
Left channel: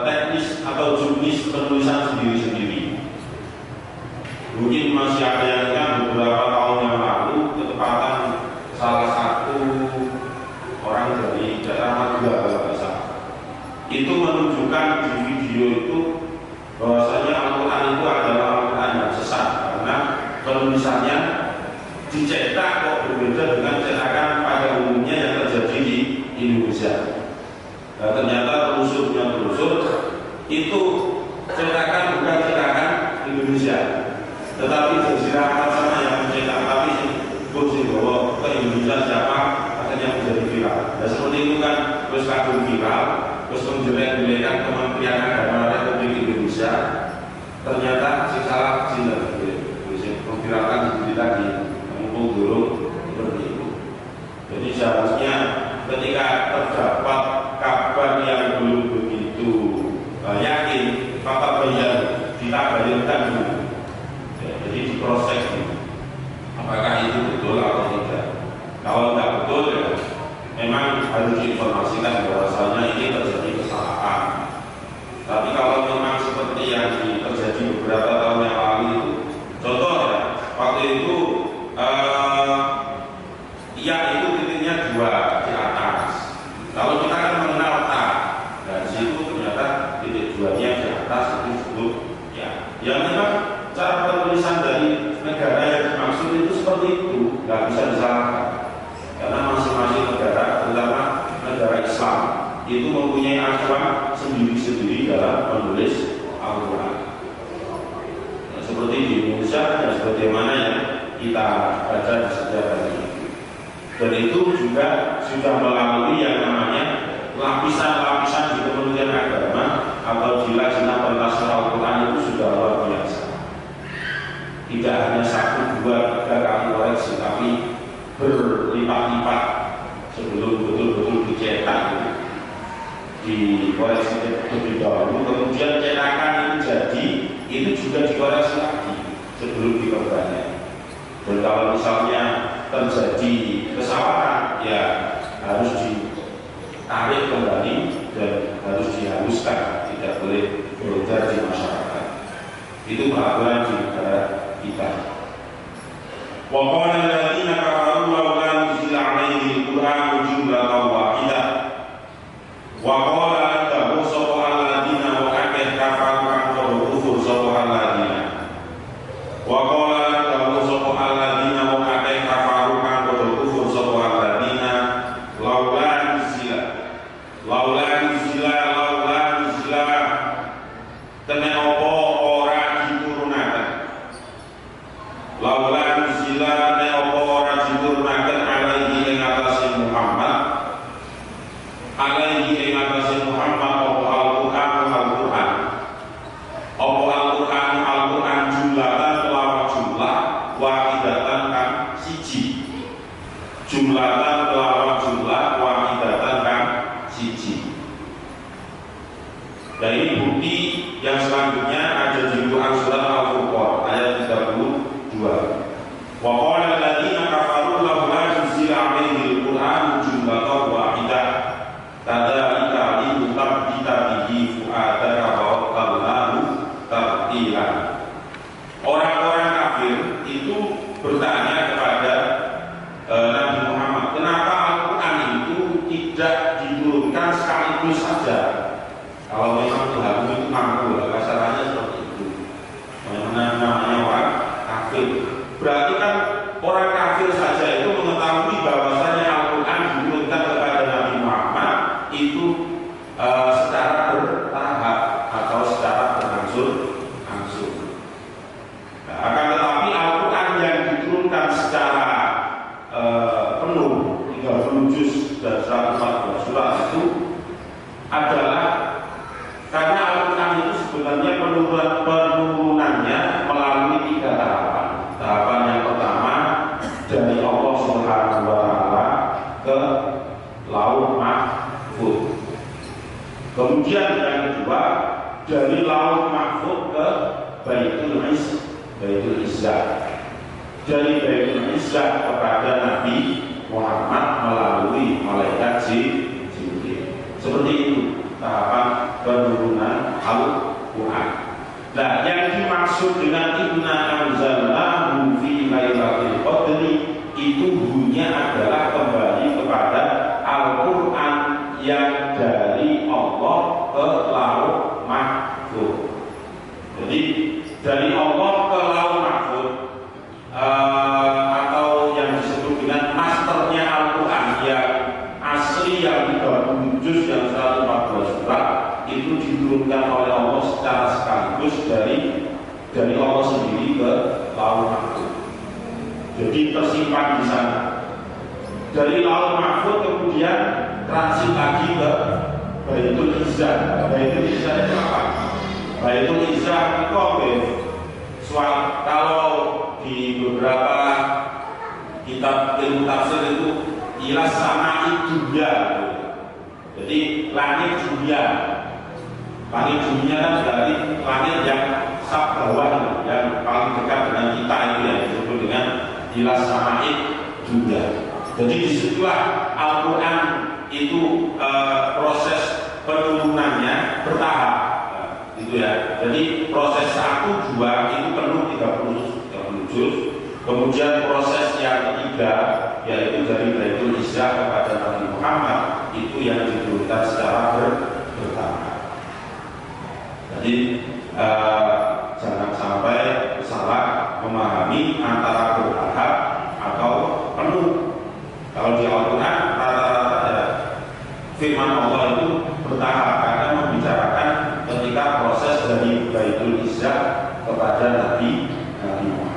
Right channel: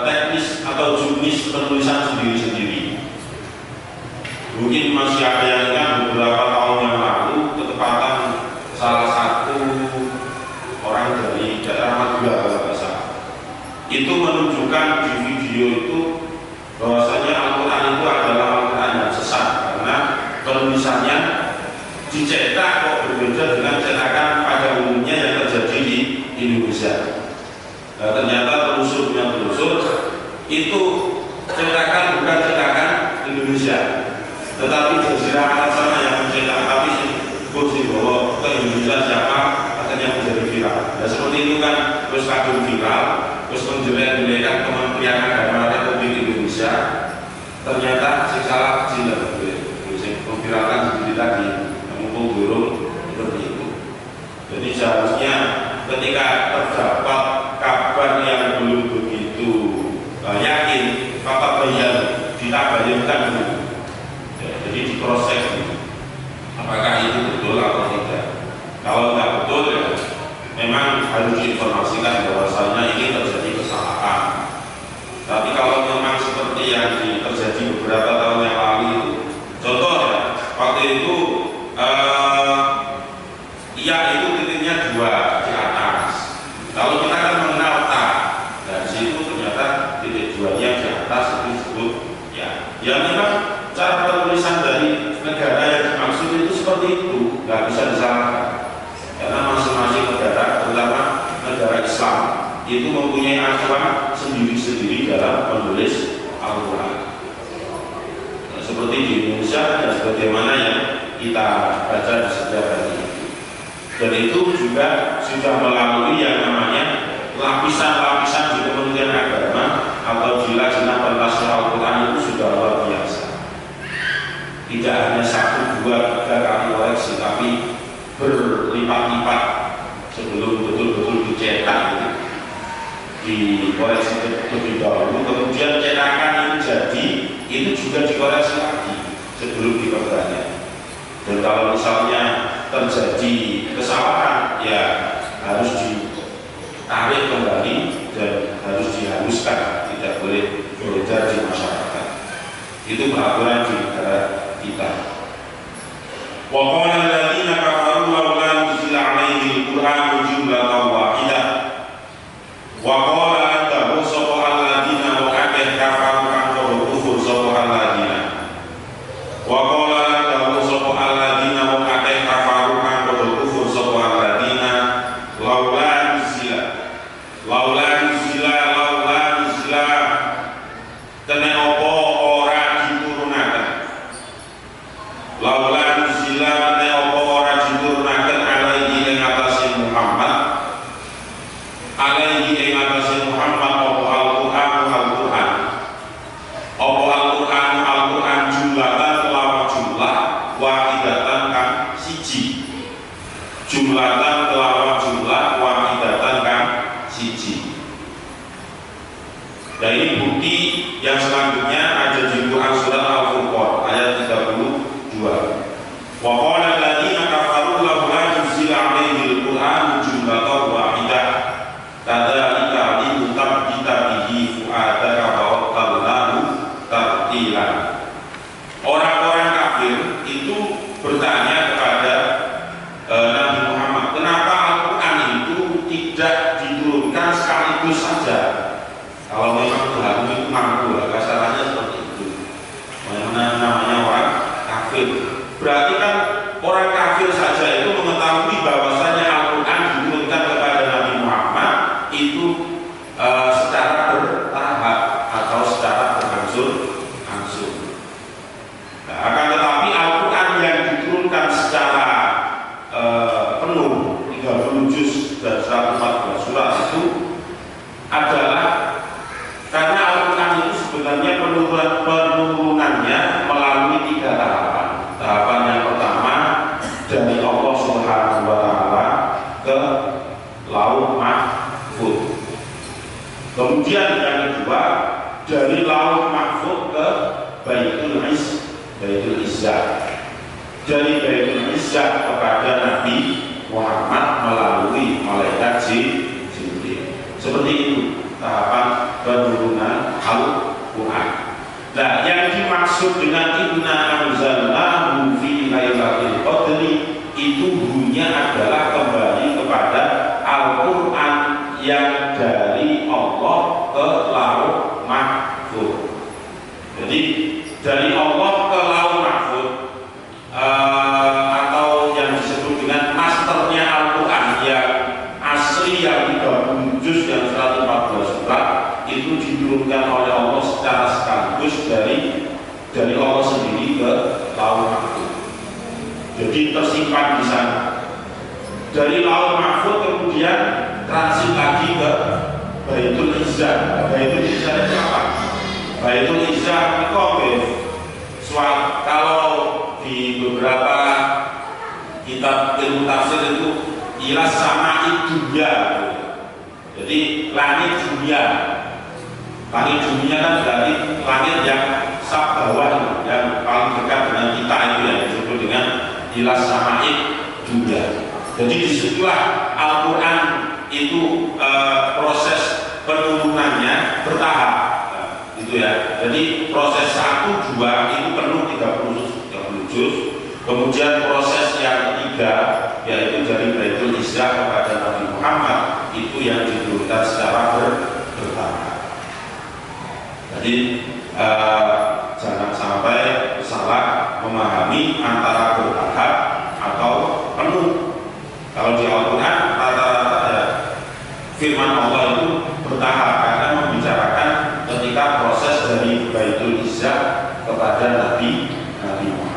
teknis atau jurnis penulisan sendiri-sendiri. Mungkin masih ada yang ingat beberapa tahun yang lalu ketepatan salah satu orang dari daerah Madura kalau tidak salah, itu menunjukkan di video itu bahwasanya Al-Quran itu adalah Al-Quran yang sesat karena penulisannya dicetak kok berbeda dengan cetakan pada umumnya yang terjadi di Indonesia. Nah, ternyata telusur itu cetakan bukan cetakan Indonesia, tetapi Jazirah Arab sana yang mencetak. Tapi kursi bahwa ke Indonesia siapa akhirnya menjadi viral. Nah seperti itu kan terus kadung viral, terus menjelek-jelekan Kementerian Agama Republik Indonesia. Ternyata si salah kecil memviralkan sendiri tadi, mumpung burung seperti itu. Jadi seharusnya ketika terdapat kabar yang belum begitu yakin, maka bayar ditabayarkan dulu. Ya, jadi diproses dulu. Apakah itu betul atau tidak? Kalau tidak betul ya memang harus diinformasikan bahwasanya ini terjadi kesalahan. Tapi kalau memang seperti yang terjadi beberapa tahun yang lalu itu, contoh ya, waktu itu iya itu titiknya 2 di atas. Kalau kita kan mengenal ta, dari situ ternyata titik 2-nya di atas itu disebut ya. Ya memang cara penulisan dari negara yang dimaksud itu seperti itu, nggak bisa disalahkan. Karena masing-masing negara, terutama negara Islam, itu mempunyai acuan sendiri-sendiri dalam menulis Al-Quran. Nah, seperti di Indonesia dan sebagaimana yang kita baca di sejarah ini. Dan itu juga sudah melalui yang namanya lapisan-lapisan di Kementerian Agama atau di Lajnah Pentas Al-Quran itu sudah luar biasa. Tidak hanya 1, 2, 3 kali koreksi, tapi berlipat-lipat sebelum betul-betul dicetak gitu. Dikoreksi lebih dahulu, kemudian cetakan ini jadi itu juga dikoreksi lagi sebelum diperbanyak. Dan kalau misalnya terjadi kesalahan, ya harus ditarik kembali dan harus dihaluskan, tidak boleh beredar di masyarakat. Itu peraturan di negara kita. Wa qala alladziina kafaru laula nuzila 'alaihi al-Qur'anu jumlatan wahidah. Wa qala adahu sapa alladziina wa akeh kafaru kang kufur sapa alladziina. Wa qala adahu sapa alladziina wa akeh kafaru kang kufur sapa alladziina laula nuzila. Laula nuzila. Karena jumlatan kelawan jumlah wahidatan kan siji. Dan ini bukti yang selanjutnya ada di Quran surat Al-Furqan ayat 32. Wa qala alladziina kafaru laula nuzila 'alaihil Qur'anu jumlatan wahidah kadzalika linusabbita bihi fu'adaka wa rattalnahu tartilan. Orang-orang kafir itu bertanya kepada Nabi Muhammad, kenapa Al-Quran itu tidak diturunkan sekaligus saja? Kalau memang Tuhan itu mampu, kasarannya seperti itu. Namanya orang kafir. Berarti kan orang kafir saja itu mengetahui bahwasanya Al-Quran diturunkan kepada Nabi Muhammad itu secara bertahap atau secara berangsur-angsur. Nah, akan tetapi Al-Quran yang diturunkan secara penuh 30 juz dan 114 surat itu adalah karena Al-Quran itu sebenarnya penurunannya melalui 3 tahapan. Tahapan yang pertama dari Allah Subhanahu wa Ta'ala ke Lauh Mahfuz. Kemudian yang kedua dari Lauh Mahfuz ke Baitul Izzah. Dari Baitul Izzah kepada Nabi Muhammad melalui malaikat Jibril. Seperti itu tahapan penurunan Al-Quran. Nah, yang dimaksud dengan inna anzalnahu fi lailatul qadri itu bunyinya adalah kembali kepada Al-Quran yang dari Allah ke Lauh Mahfuz. Jadi dari Allah ke Lauh Mahfuz atau yang disebut dengan masternya Al-Quran yang asli yang 30 juz yang 114 surat itu diturunkan oleh Allah secara sekaligus dari Allah sendiri ke Lauh Mahfuz. Jadi tersimpan di sana. Dari Lauh Mahfuz kemudian transit lagi ke Baitul Izzah. Baitul Izzah itu apa? Baitul Izzah itu soal kalau di beberapa kitab ilmu tafsir itu ilas sama dunia. Jadi langit dunia. Langit dunia kan berarti langit yang sak bawah, yang paling dekat dengan kita itu yang disebut dengan ilas sama dunia. Jadi disitulah Al-Quran itu proses penurunannya bertahap. Gitu ya. Jadi proses 1, 2 itu penuh 30 juz. Kemudian proses yang ketiga yaitu dari Baitul Izzah kepada Nabi Muhammad itu yang diturunkan secara bertahap. Jadi jangan sampai salah memahami antara bertahap atau penuh. Kalau di Al-Quran rata-rata ya, firman Allah itu bertahap karena membicarakan ketika proses dari Baitul Izzah kepada Nabi Muhammad.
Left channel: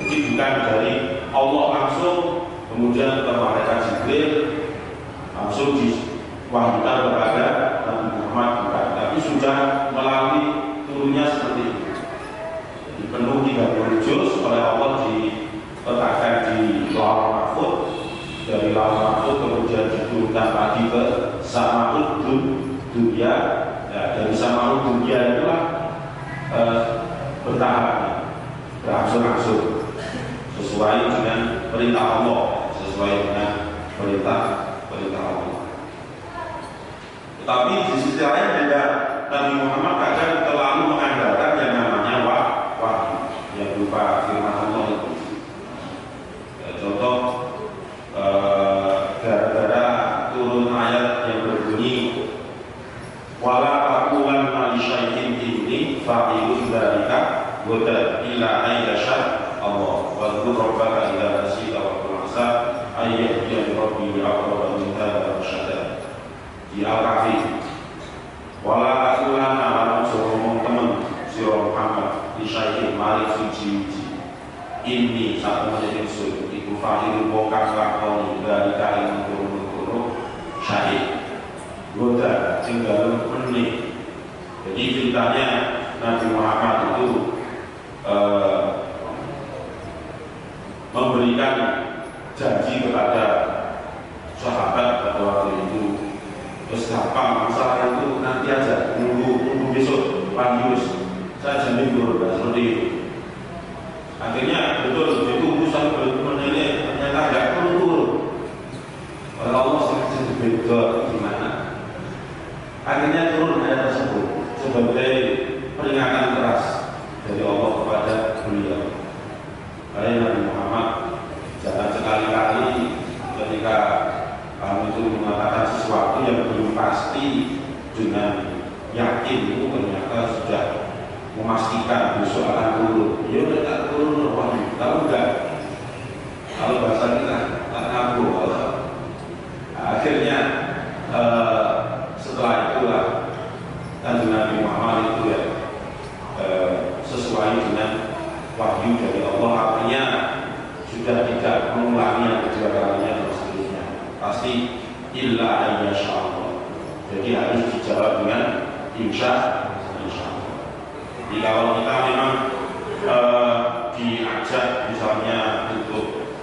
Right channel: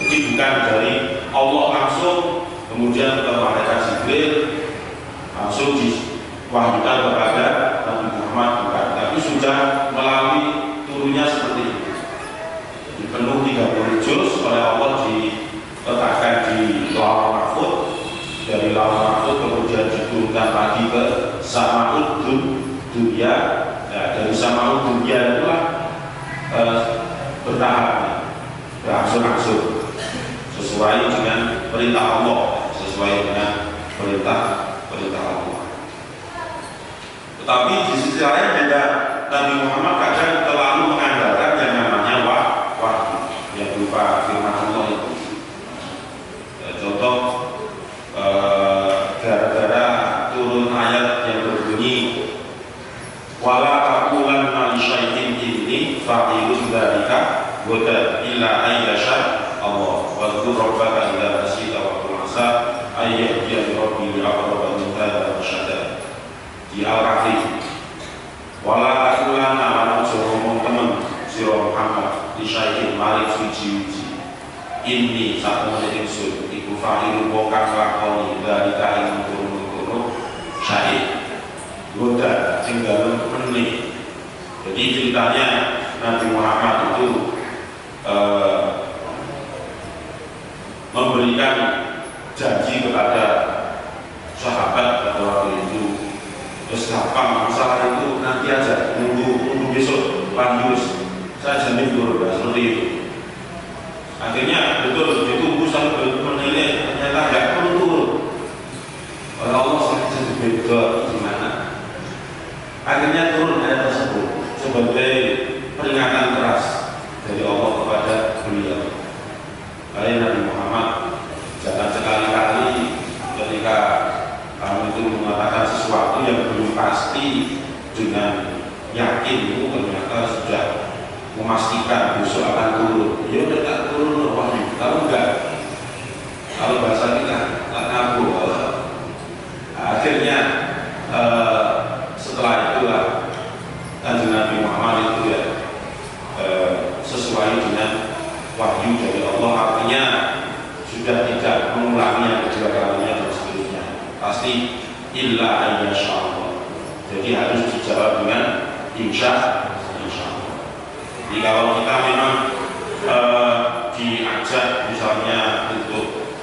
Jadi bukan dari Allah langsung kemudian ke malaikat Jibril langsung diwahyukan kepada Nabi Muhammad, bukan, tapi sudah melalui turunnya seperti itu. Jadi penuh 30 juz oleh Allah diletakkan di Lauh Mahfuz. Dari Lauh Mahfuz kemudian diturunkan lagi ke Sama'ud Dunya. Nah, dari Sama'ud Dunya itulah bertahap, berangsur-angsur sesuai dengan perintah Allah, sesuai dengan perintah Allah. Tetapi di sisi lain juga Nabi Muhammad kadang terlalu mengandalkan yang namanya wahyu yang berupa firman Allah itu. Contoh gara-gara turun ayat yang berbunyi wala taqulanna li syai'in inni fa'ilun dzalika wa illa ayyasha Allah wa dzkur rabbaka idza nasita wa qulasa ayyahdiya rabbi li aqrab min hadha rasyada. Di Al-Kahfi wala taqulanna lan ngomong temen sira Muhammad li syai'in mari suci-suci ini satu menjadi sun iku fa'ilu wongkang lakoni dari kain turun-turun syahid goda tinggal menit. Jadi ceritanya Nabi Muhammad itu memberikan janji kepada ketika kamu itu mengatakan sesuatu yang belum pasti dengan yakin, itu ternyata sudah memastikan besok akan turun. Ya udah tak turun wahyu, tahu enggak? Kalau bahasa kita tak ngabur. Akhirnya setelah itulah Kanjeng Nabi Muhammad itu ya sesuai dengan wahyu dari Allah, artinya sudah tidak mengulangi yang kedua kalinya dan seterusnya. Pasti illa ayyasha Allah. Jadi harus dijawab dengan insya Allah. Jadi kalau kita memang diajak misalnya untuk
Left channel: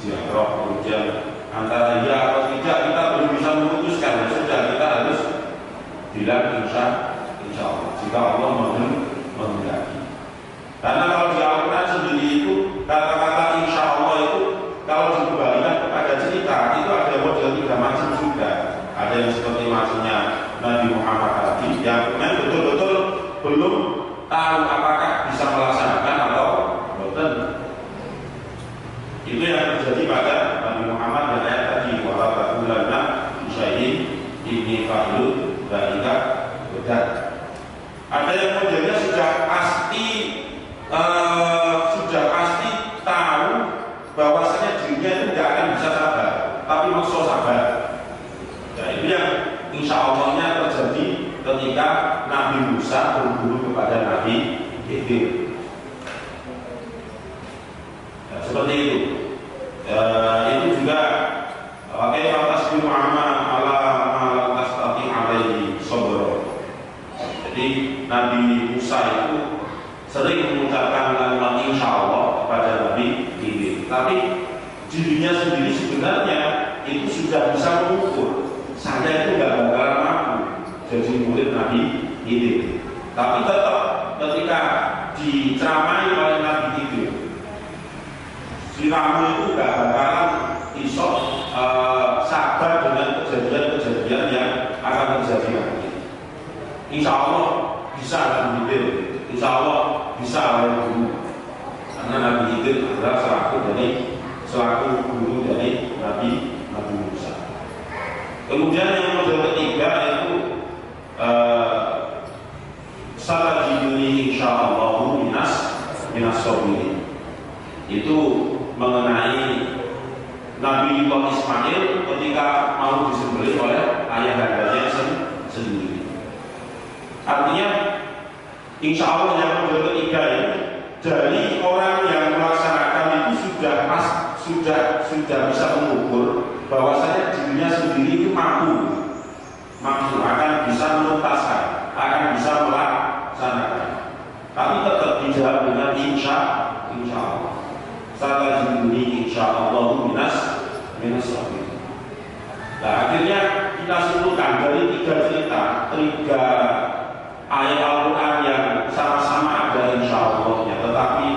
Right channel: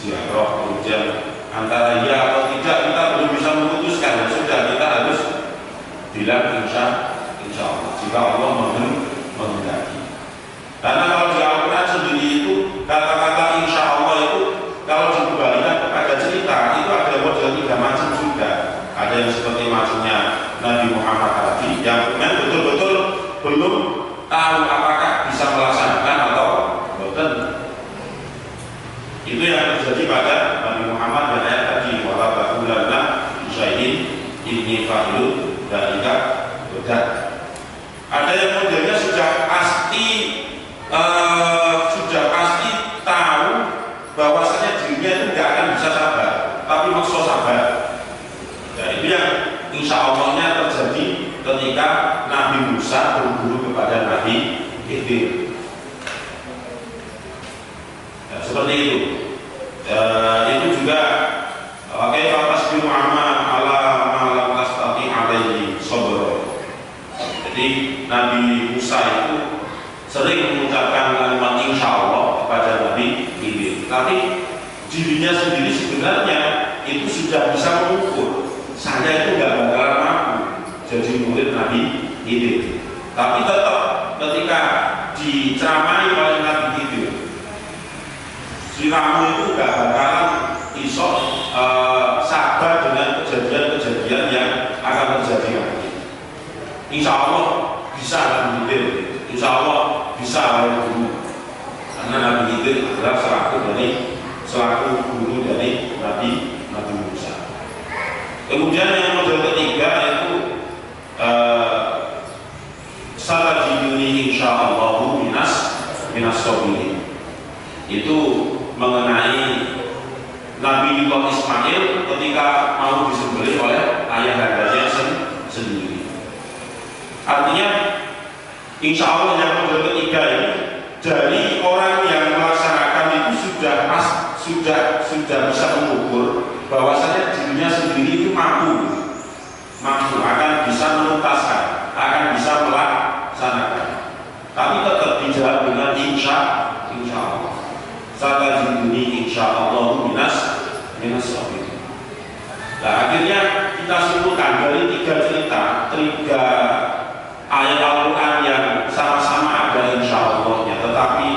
ziarah, kemudian antara ya atau tidak kita belum bisa memutuskan, ya sudah kita harus bilang insya Allah jika Allah menghendaki. Karena kalau di Al-Quran sendiri itu kata-kata insya Allah itu kalau dikembalikan kepada cerita itu ada model 3 macam juga. Ada yang seperti macamnya Nabi Muhammad tadi yang betul-betul belum tahu apakah bisa melaksanakan atau betul. Itu yang terjadi pada Nabi Muhammad dan ayat tadi wala taqulanna syai'in inni fa'ilun dzalika bedat. Ada yang modelnya sudah pasti tahu bahwasanya dirinya itu tidak akan bisa sabar, tapi maksa sabar. Nah, itu yang insya Allahnya terjadi ketika Nabi Musa berguru kepada Nabi Khidir. Nah, seperti itu. Itu juga oke, tasbihu amma ala malam tastati alaihi sabr. Jadi Nabi Musa itu sering mengucapkan kalimat insya Allah kepada Nabi Khidir, tapi dirinya sendiri sebenarnya itu sudah bisa mengukur saya itu nggak bakalan mampu jadi murid Nabi Khidir, tapi tetap ketika diceramai oleh Nabi Khidir, si kamu itu nggak bakalan iso sabar dengan kejadian-kejadian yang akan terjadi nanti. Insya Allah bisa Nabi Khidir, insya Allah bisa oleh guru, karena Nabi Khidir adalah selaku guru dari Nabi Musa. Kemudian yang model ketiga yaitu satajiduni insyaallahu minas sabirin. Itu mengenai Nabi Ismail ketika mau disembelih oleh ayahandanya sendiri. Artinya insya Allah yang model ketiga ini dari orang yang melaksanakan itu sudah bisa mengukur bahwasanya dirinya sendiri itu mampu akan bisa menuntaskan, akan bisa melaksanakan, tapi tetap dijawab dengan insya Allah. Satajiduni insya Allah minas sabirin. Nah, akhirnya kita simpulkan dari 3 cerita, 3 ayat Al-Quran yang sama-sama ada insya Allahnya, tetapi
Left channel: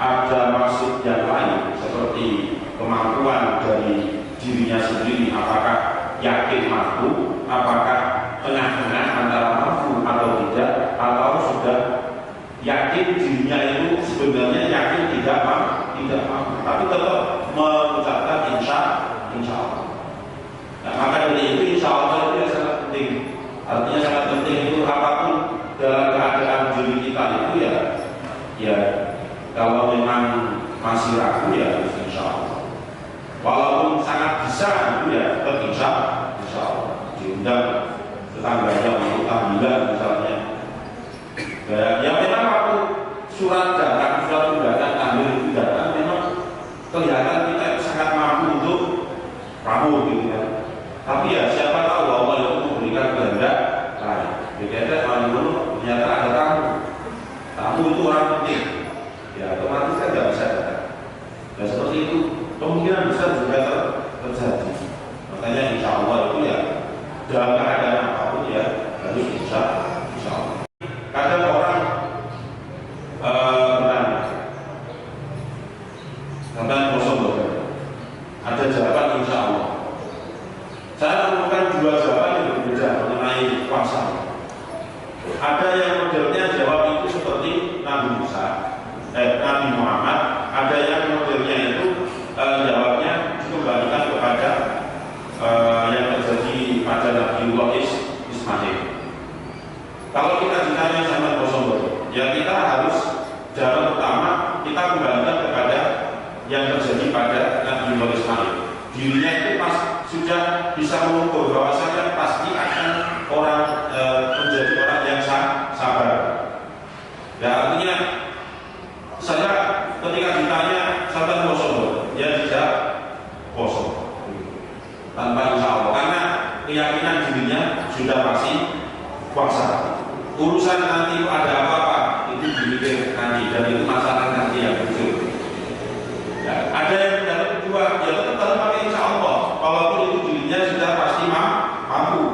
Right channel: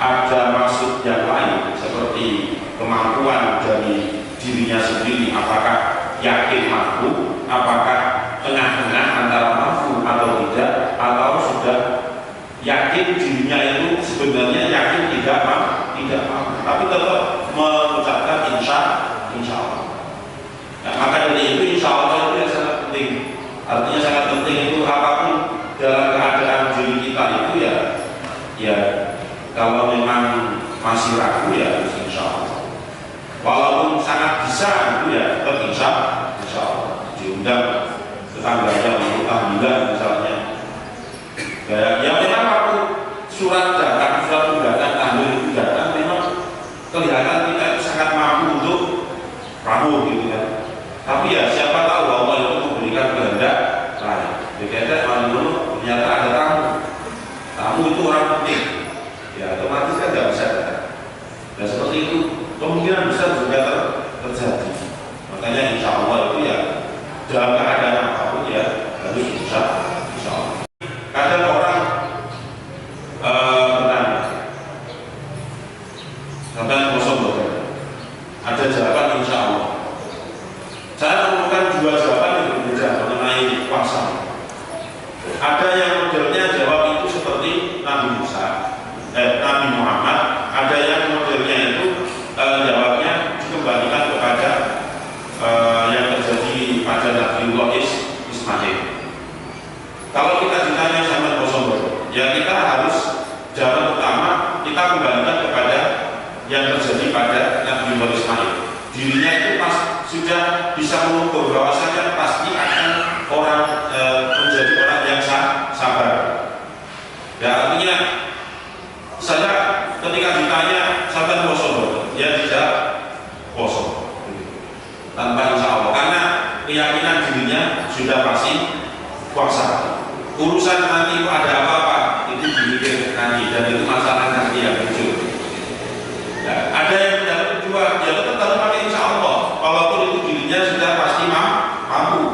ada maksud yang lain seperti kemampuan dari dirinya sendiri, apakah yakin mampu, apakah tengah-tengah antara mampu atau tidak, atau sudah yakin dirinya itu sebenarnya yakin tidak mampu, tapi tetap mengucapkan insya Allah. Nah, maka dari itu insya Allah itu yang sangat penting. Artinya sangat penting itu apapun dalam keadaan diri kita itu ya kalau memang masih ragu ya harus insya Allah. Walaupun sangat bisa itu ya tetap insya Allah. Diundang tetangganya untuk tahlilan misalnya. Ya memang waktu surat datang, surat undangan tahlil itu datang, memang kelihatan kita itu sangat mampu untuk ramu gitu kan. Tapi ya siapa tahu Allah itu memberikan kehendak lain. Beda dulu ternyata ada tamu itu orang penting. Ya otomatis kan nggak bisa datang. Dan seperti itu kemungkinan besar juga terjadi. Makanya insya Allah itu ya dalam keadaan apapun ya harus insya Allah. Kadang orang bertanya, kadang kosong ada jawaban insya Allah. Saya menemukan 2 jawaban yang berbeda mengenai puasa. Ada yang modelnya jawab itu seperti Nabi Muhammad. Ada yang modelnya itu jawabnya dikembalikan kepada sudah bisa mengukur bahwasanya pasti akan menjadi orang yang sabar. Ya, artinya saya ketika ditanya sampai poso, ya tidak poso tanpa insya Allah, karena keyakinan dirinya sudah pasti puasa. Urusan nanti ada apa-apa itu dipikir nanti, dan itu masalah nanti yang muncul. Ya, ada yang mendapat kedua, ya tetap pakai insya Allah, walaupun itu dirinya sudah pasti mampu.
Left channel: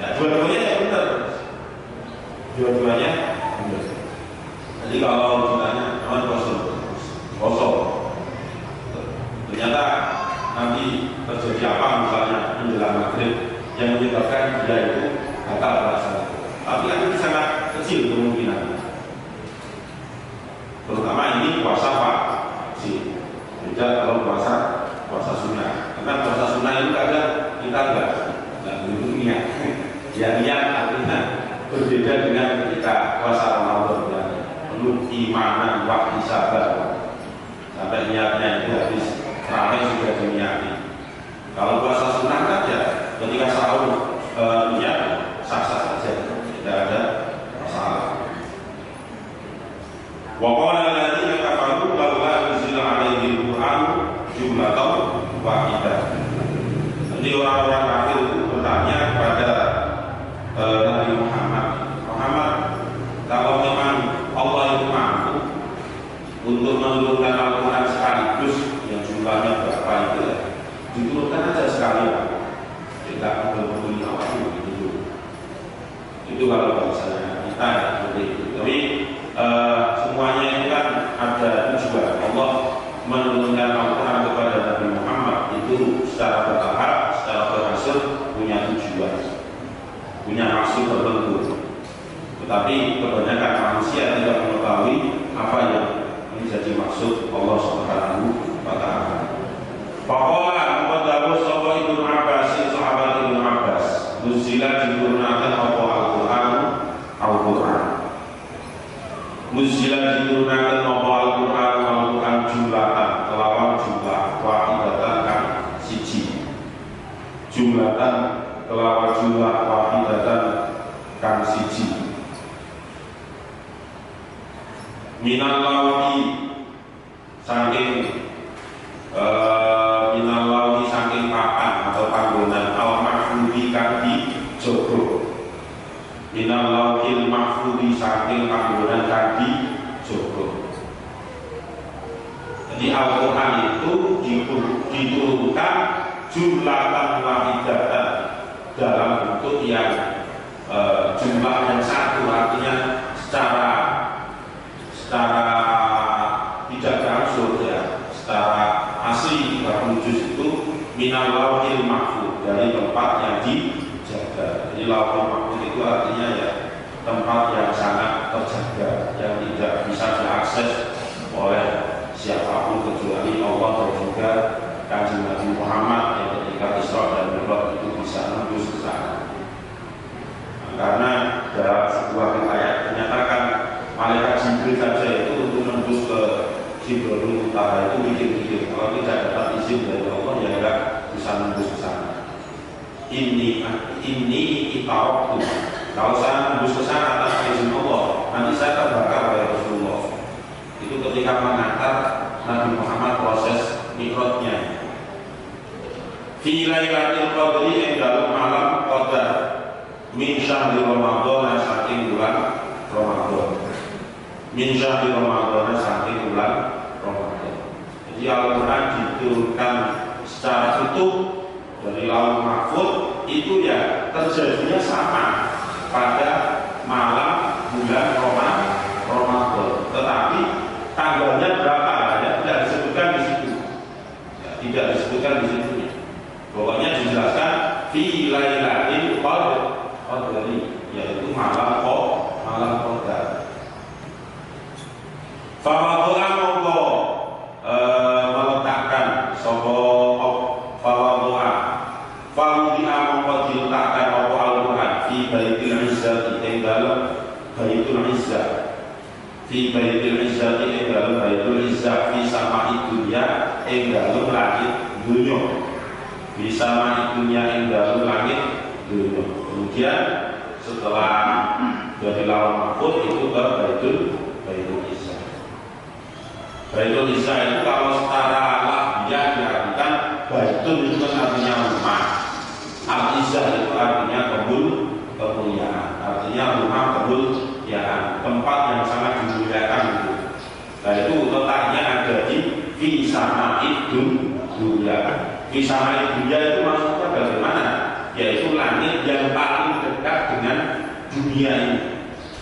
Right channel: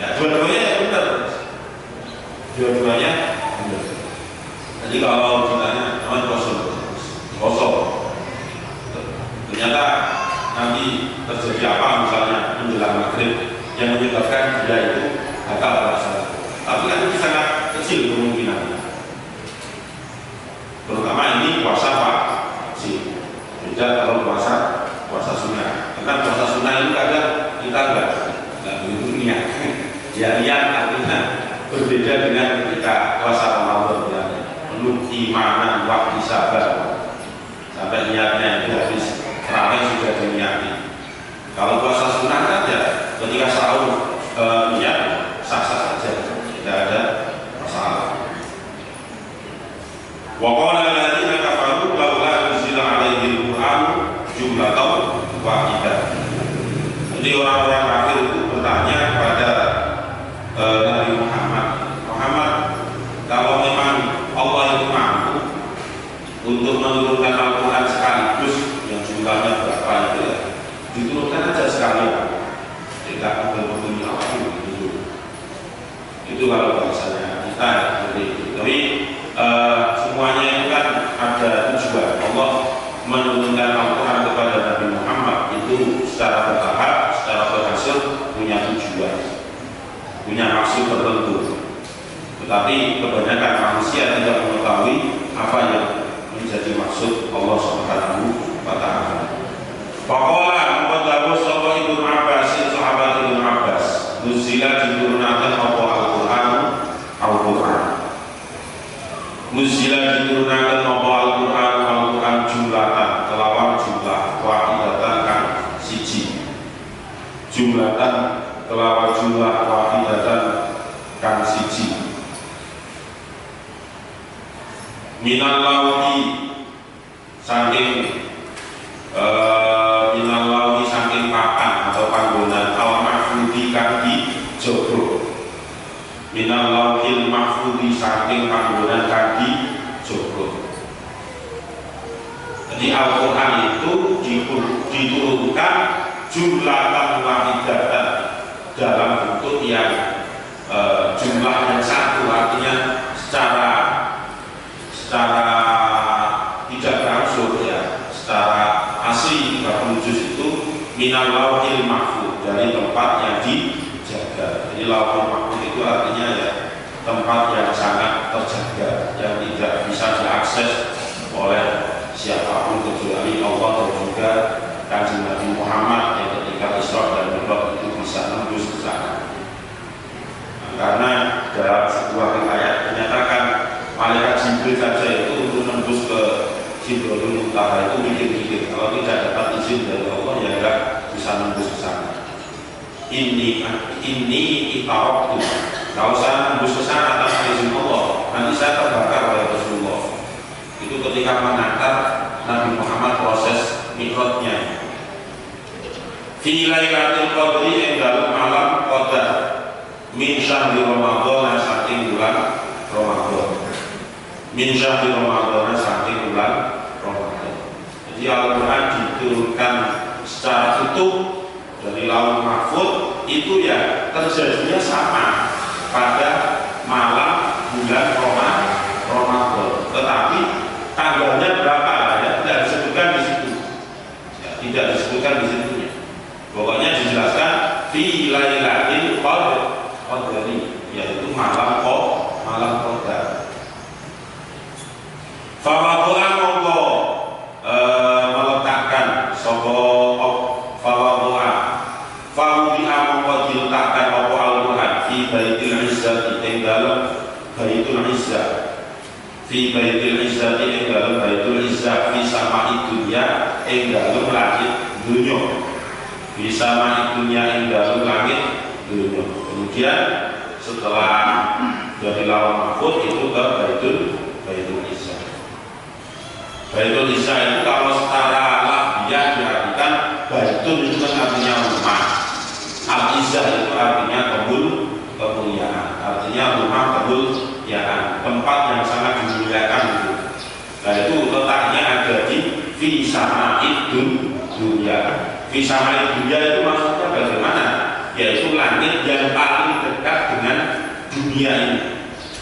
Ya, dua-duanya ya benar, dua-duanya benar. Jadi kalau ditanya teman kosong, ternyata nanti terjadi apa misalnya menjelang maghrib yang menyebabkan dia itu batal puasa. Tapi kan itu sangat kecil kemungkinannya. Terutama ini puasa Pak sih. Beda kalau puasa sunnah. Karena puasa sunnah itu kadang kita nggak begitu niat. Ya niat artinya berbeda dengan ketika puasa Ramadan. Penuh imanan, waktu sabar sampai niatnya itu habis ramai sudah diniati. Kalau puasa sunnah kan ya ketika sahur niat sah-sah saja, tidak ada masalah. Wa qala alladziina kafaru laula unzila 'alaihi al-Qur'an jumlatan wahidah. Jadi orang-orang kafir itu bertanya kepada Nabi Muhammad, kalau memang Allah itu mampu untuk menurunkan Al-Quran sekaligus yang jumlahnya berapa itu ya, diturunkan aja sekalian, tidak berbunyi apa itu. Itu kalau bahasanya kita seperti itu. Tapi semuanya itu kan ada tujuan. Allah menurunkan Al-Quran kepada Nabi Muhammad itu secara bertahap, secara berhasil punya tujuan, punya maksud tertentu. Tetapi kebanyakan manusia tidak mengetahui apa yang menjadi maksud Allah Subhanahu wa Ta'ala. Faqala muqaddamu sapa Ibnu Abbas, sahabat Ibnu Abbas, nuzila diturunkan apa Al-Qur'an, Al-Qur'an. Nuzila diturunkan apa Al-Qur'an jumlatan, kelawan jumlah wahidatan kan siji. Jumlatan kelawan jumlah wahidatan kan siji. Minal lauhi saking minal lauhi saking papan atau panggonan al mahfudi kang dijogro. Minal lauhil mahfudi saking panggonan kang dijogro. Jadi Al-Quran itu diturunkan jumlatan wahidatan dalam bentuk yang jumlah yang satu, artinya secara tidak berangsur ya, secara asli 30 juz itu minal lauhil mahfud, dari tempat yang dijaga. Jadi lauhil mahfud itu artinya ya tempat yang sangat terjaga, yang tidak bisa diakses oleh siapapun kecuali Allah dan juga Kanjeng Nabi Muhammad yang ketika Isra dan Mi'raj itu bisa nembus ke sana. Karena dalam sebuah riwayat menyatakan malaikat Jibril saja itu untuk nembus ke Sidratul Muntaha itu mikir-mikir, kalau tidak dapat izin dari Allah ya tidak bisa nembus ke sana. Ini itarok tuh, kalau saya nembus ke sana atas izin Allah, nanti saya terbakar oleh Rasulullah. Itu ketika mengantar Nabi Muhammad proses mikrotnya. Fi lailatul qadri yang dalam malam qadar min syahri Ramadan saking bulan Ramadan. Min syahri Ramadan saking bulan Ramadan. Jadi Al-Quran diturunkan secara utuh dari Lauhul Mahfuz itu ya terjadinya sama pada malam bulan Ramadan. Tetapi tanggalnya berapa ya tidak disebutkan di situ. Ya, tidak disebutkan di situnya. Pokoknya dijelaskan fi lailatul qadri, yaitu malam qadar. Fawadu'an monggo meletakkan sapa fawadu'an fawdi'a monggo diletakkan apa Al-Quran fi baitil izzati ing dalem baitul izzah, fi baitil izzati ing dalem baitul izzah fi sama'i dunya ing dalem langit dunya. bisa dunia ing dalem langit dunia. Kemudian setelah dari Lauhul Mahfuz itu ke Baitul Izza. Baitul Izza itu kalau secara lafziah diartikan Baitul itu kan artinya rumah, Al-Izzah itu artinya kemuliaan, artinya rumah kemuliaan, tempat yang sangat dimuliakan itu. Nah itu letaknya ada di Fisama'id dunya. Fisama'id dunya itu maksudnya bagaimana? Yaitu langit yang paling dekat dengan dunia ini,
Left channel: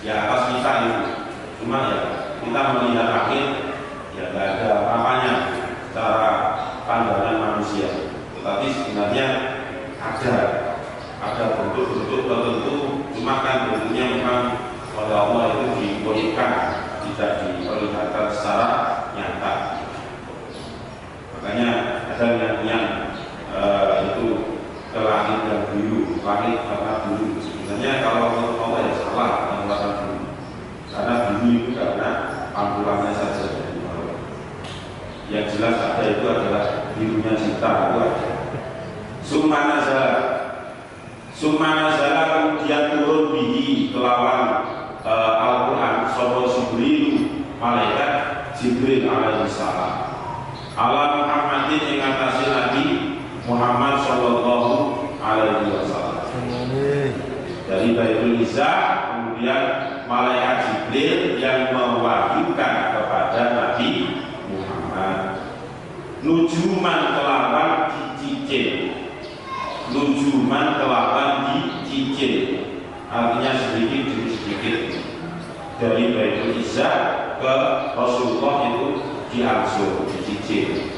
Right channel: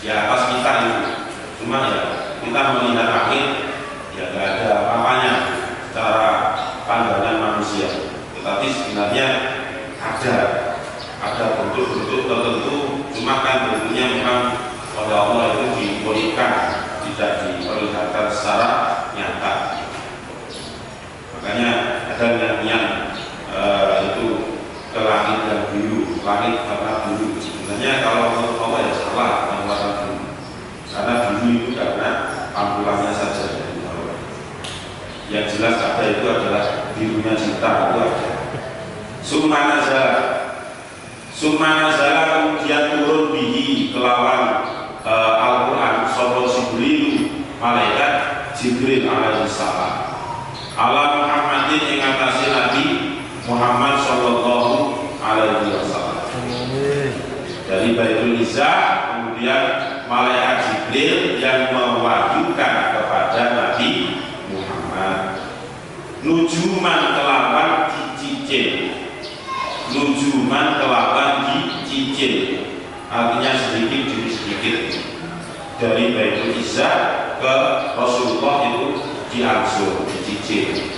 ya atas kita itu. Cuma ya kita melihat langit ya nggak ada apa-apanya secara pandangan manusia, tetapi sebenarnya ada bentuk-bentuk tertentu, cuma kan bentuknya memang oleh Allah itu dibolehkan, tidak diperlihatkan secara nyata. Makanya ada yang itu ke langit dan biru, langit warna biru. Sebenarnya kalau menurut Allah ya salah yang warna biru, karena biru itu karena tampilannya saja. Yang jelas ada itu adalah birunya cinta itu ada. Summa nazala kemudian turun bihi kelawan Al-Quran sapa Jibril, malaikat Jibril alaihi salam ala Muhammadin ing atase Nabi Muhammad sallallahu alaihi wasallam. Dari Baitul Izza kemudian malaikat Jibril yang mewahyukan kepada Nabi Muhammad nujuman kelawan dicicil. Nujuman kelawan dicicil artinya sedikit demi sedikit dari Baitul Izza ke Rasulullah itu diangsur, dicicil.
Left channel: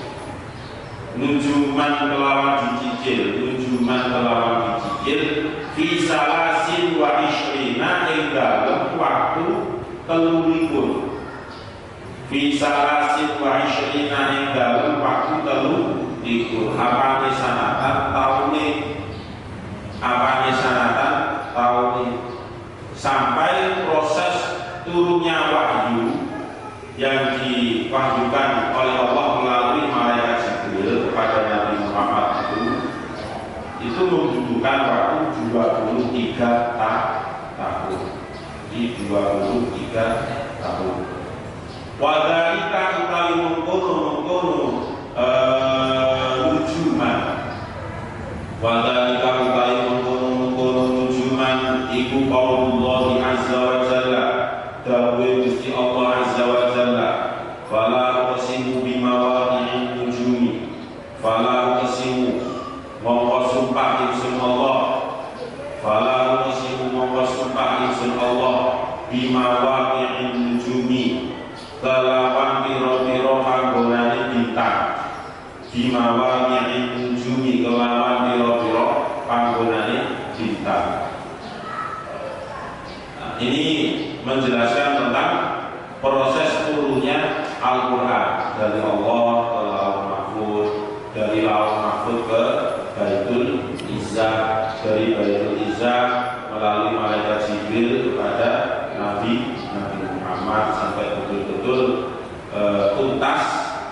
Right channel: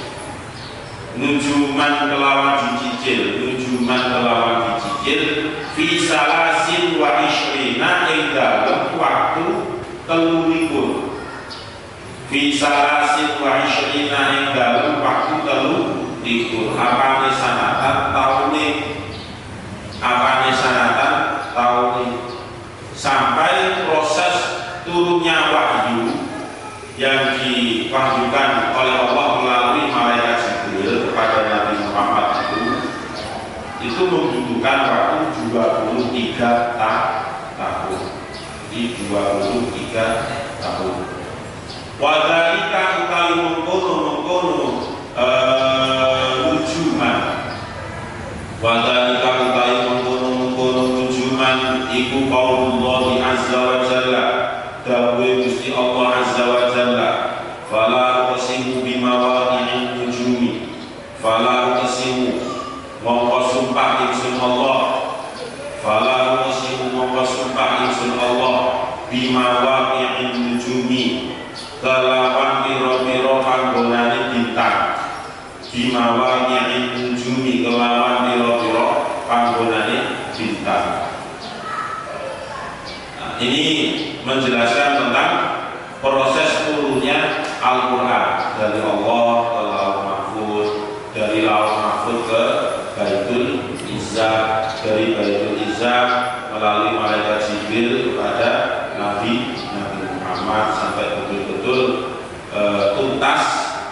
Nujuman kelawan dicicil, nujuman kelawan dicicil fi salasin wa ishrina ing dalem waktu 30. Fi salasin wa ishrina ing dalem waktu 30. Apane sanatan taune sampai proses turunnya wahyu yang diwahyukan oleh Allah melalui malaikat Jibril kepada Nabi Muhammad itu membutuhkan waktu 23 tahun. Di 23 tahun. Wadhalika utawi mengkono nujuman. Wadhalika utawi mengkono nujuman iku qaulullah azza wa jalla. Dawuh Gusti Allah azza wa jalla. Fala uqsimu bimawaqi'in nujumi. Fala uqsimu mongko sumpah ingsun Allah. Fala uqsimu mongko sumpah ingsun Allah bimawaqi'in nujumi. Kelawan piro-piro panggonane bintang. Bimawaqi'in nujumi kelawan piro-piro panggonane bintang. Nah, ini menjelaskan tentang proses turunnya Al-Quran dari Allah ke Lauhul Mahfuz, dari Lauhul Mahfuz ke Baitul Izza, dari Baitul Izza melalui malaikat Jibril kepada Nabi Muhammad sampai betul-betul tuntas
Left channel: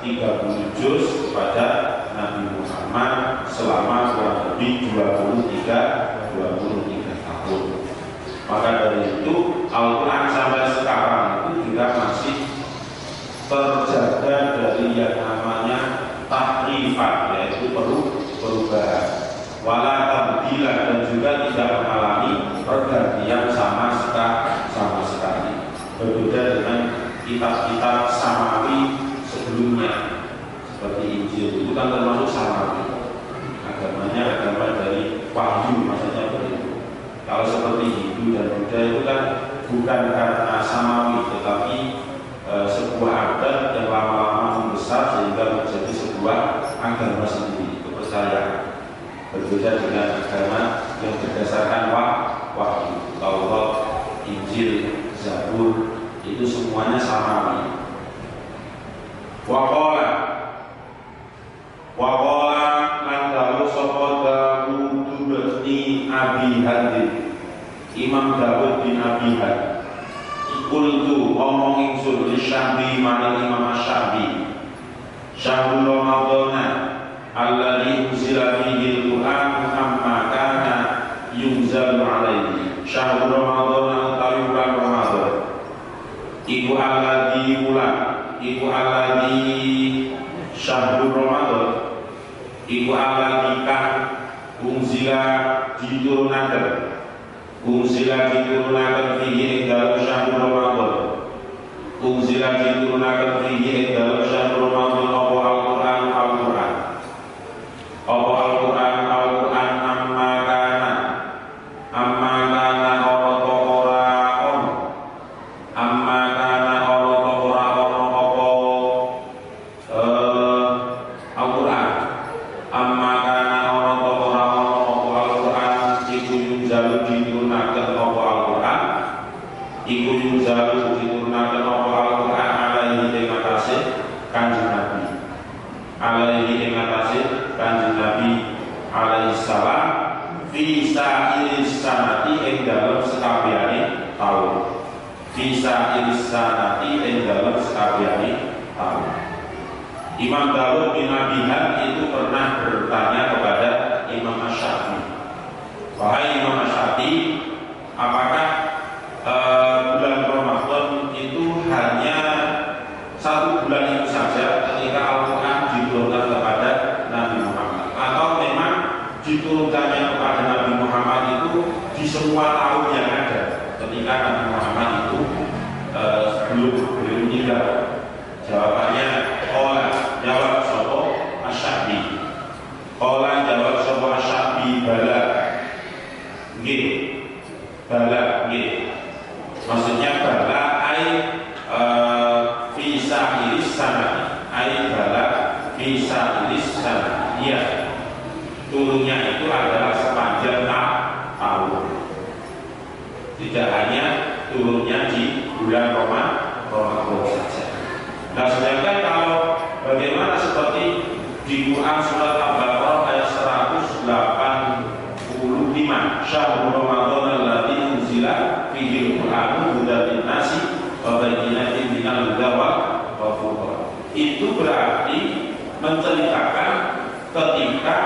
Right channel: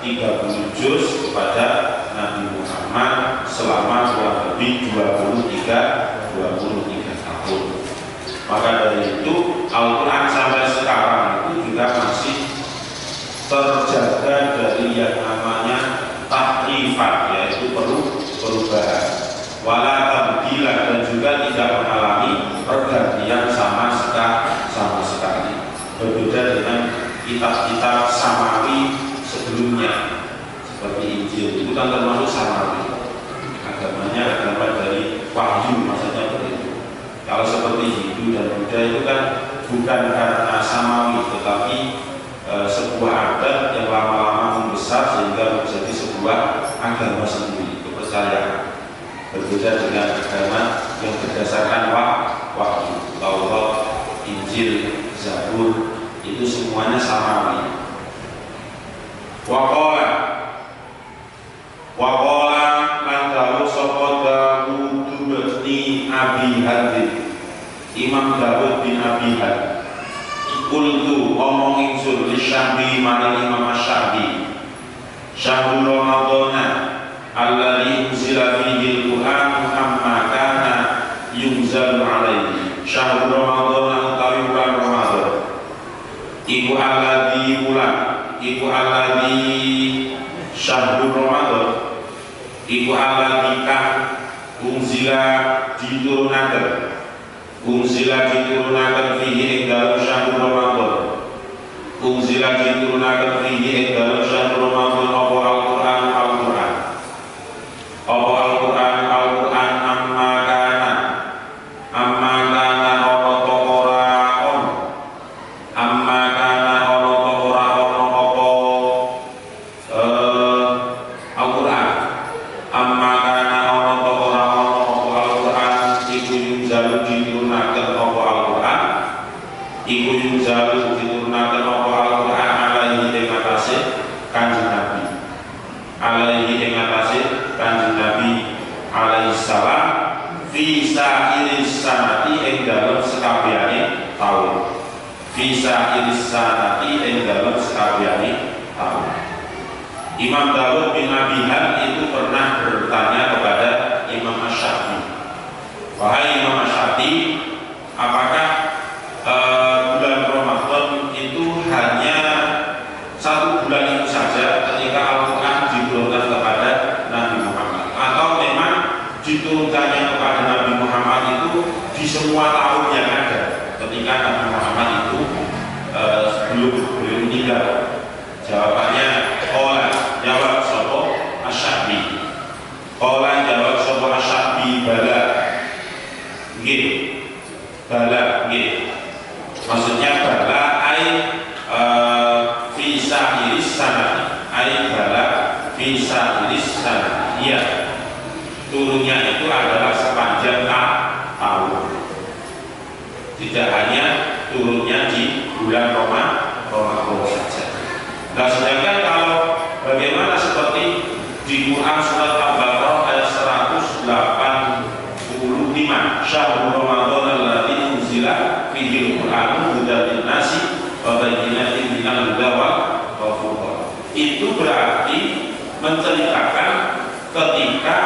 30 juz kepada Nabi Muhammad selama kurang lebih 23 tahun. Maka dari itu Al-Quran sampai sekarang itu juga masih terjaga dari yang namanya tahrifan, yaitu perubahan, wala tabdilan, dan juga tidak mengalami pergantian sama sekali. Berbeda dengan kitab-kitab samawi sebelumnya seperti Injil, itu kan termasuk samawi, agamanya agama dari wahyu, maksudnya begitu. Kalau seperti Hindu dan Buddha itu kan bukan karena samawi, tetapi sebuah adat yang lama-lama membesar sehingga menjadi sebuah agama sendiri, kepercayaan. Berbeda dengan agama yang berdasarkan wahyu, Taurat, Injil, Zabur, itu semuanya samawi. Waqala lan dawu sapa Dawud bin Abi Hatim, Imam Dawud bin Abi Hatim. Qultu omong ingsun li Syafi'i maring Imam Syafi'i, syahrul Ramadan alladzi unzila fihi iku alladzi syahrul Ramadan iku alladzi kang unzila diturunaken fihi ing dalem syahrul Ramadan unzila diturunaken fihi ing dalem syahrul Ramadan apa Al-Qur'an Imam Dawud bin Abihan itu pernah bertanya kepada Imam Asy-Syafi'i, wahai Imam Asy-Syafi'i, apakah bulan Ramadan itu hanya satu bulan itu saja ketika Al-Quran diturunkan kepada Nabi Muhammad, atau memang diturunkannya kepada Nabi Muhammad itu di semua tahun yang ada ketika Nabi Muhammad itu belum meninggal? Jawabannya jawab sapa Asy-Syafi'i. Jawab sapa Asy-Syafi'i bala. Nggih. Bala nggih. Maksudnya bala fi sa'iris sanah. Bala fi sa'iris sanah. Iya. Turunnya itu adalah sepanjang tahun. Tidak hanya turunnya di bulan Ramadan saja. Nah, sedangkan kalau bagaimana seperti di Quran surat Al-Baqarah ayat 185, Syahrul Ramadan alladzi unzila fihi al-Qur'anu hudan lin-nasi wa bayyinatin minal huda wal furqan. Itu berarti menceritakan ketika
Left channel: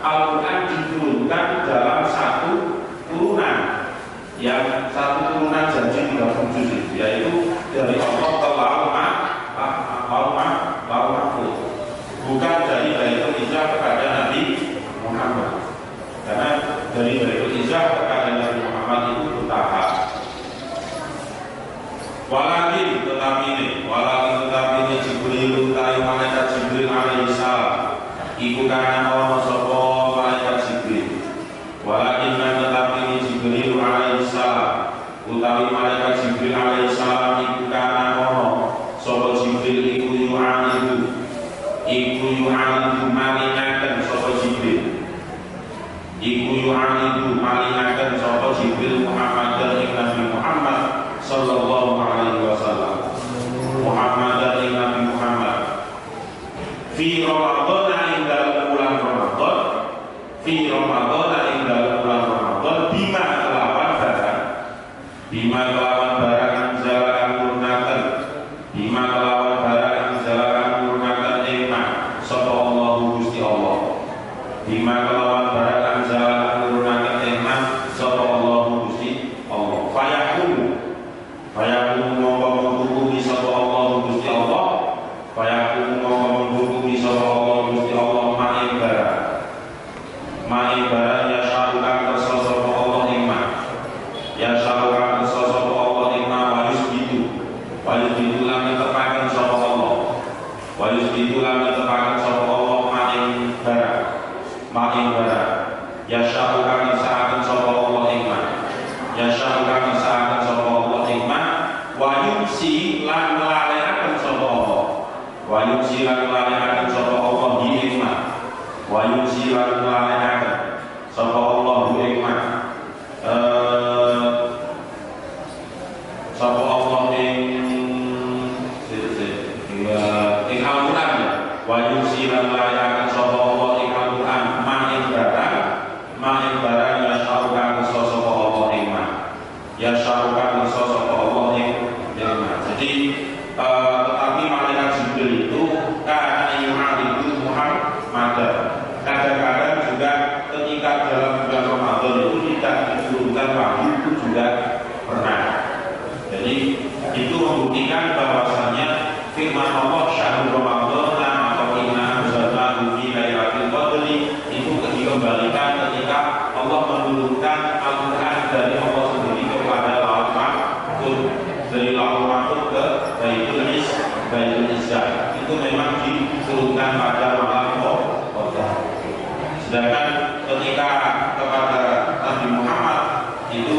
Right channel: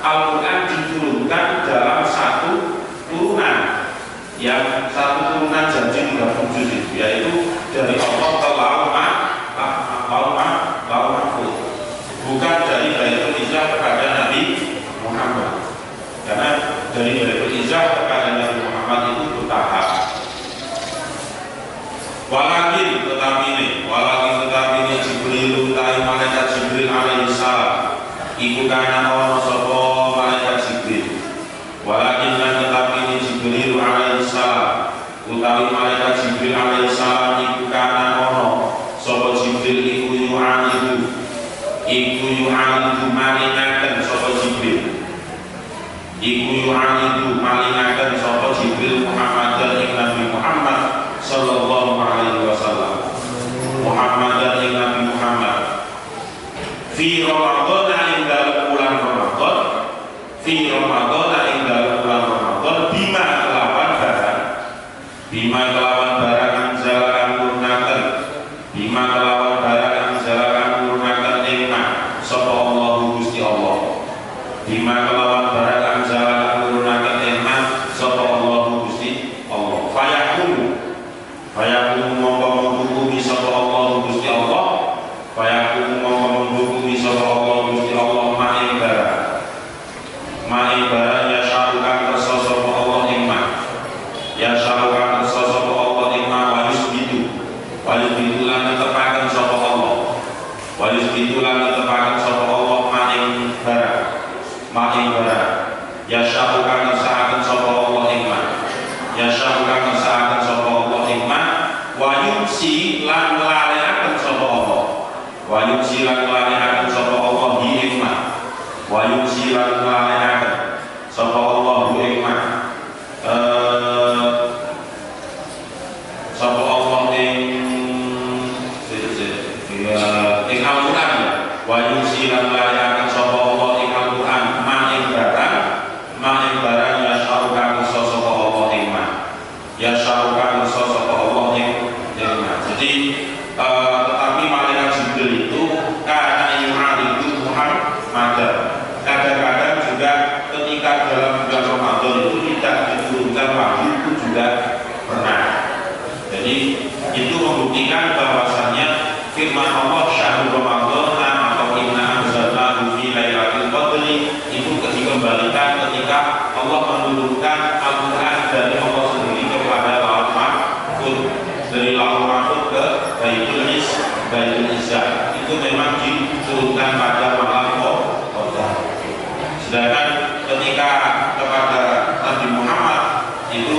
Al-Quran diturunkan dalam satu turunan, yang satu turunan janji 30 juz, yaitu dari Allah ke Lauh Mahfuz, bukan dari Baitul Izzah kepada Nabi Muhammad, karena dari Baitul Izzah kepada Nabi Muhammad itu bertahap. Walakin tetapi ini Jibril utai malaikat Jibril alaihi salam iku kana ana sapa malaikat Jibril. Walakin tetapi ini Jibril alaihi salam utawi malaikat Jibril alaihi salam iku kana ana sapa Jibril iku yu'anidu malingaken sapa Jibril. Malingaken sapa Jibril Muhammadan ing Nabi Muhammad sallallahu alaihi wasallam. Muhammadan ing Nabi Muhammad fi Ramadan ing dalem bulan Ramadan, bima kelawan barang anjalakan turnaken, bima kelawan barang anjalakan turnaken nikmat sapa Allah Gusti Allah. Bima kelawan barang anjalakan turnaken nikmat sapa Allah Gusti Allah. Fayakum mongko menghukumi sapa Allah Gusti Allah. Fayakum mongko menghukumi sapa Allah Gusti Allah ma'i barang ya syarukan kersa sapa Allah nikmat. Ya syarukan kersa sapa Allah nikmat wa yusbitu lan tepaken sapa Allah. Wa yusbitu lan tepaken sapa Allah ma'i barang. Ya syarukan sa'aken sapa Allah nikmat. Ya syarukan sa'aken sapa Allah nikmat. Wa yumsi lan lalekaken sapa Allah. Wa yumsi lan lalekaken sapa Allah nikmat. Wa yumsi lan lalekaken sapa Allah nikmat. Sapa Allah ing Al-Quran. Wa yumsi lan lalekaken sapa Allah ing Al-Quran ma'i barang ya syarukan sapa Allah nikmat. Ya syarukan sapa Allah nikmat. Jadi tetapi malaikat Jibril itu karena yu'aridu Muhammad, kadang-kadang juga ketika dalam bulan Ramadan itu tidak diturunkan wahyu, itu juga pernah. Jadi itu membuktikan bahwasannya firman Allah Allah menurunkan Al-Quran dari Allah sendiri kepada Lauh Mahfuz, dari Lauh Mahfuz ke Baitul Izzah. Itu memang diturunkan pada malam Qadar. Sedangkan ketika kepada Nabi Muhammad itu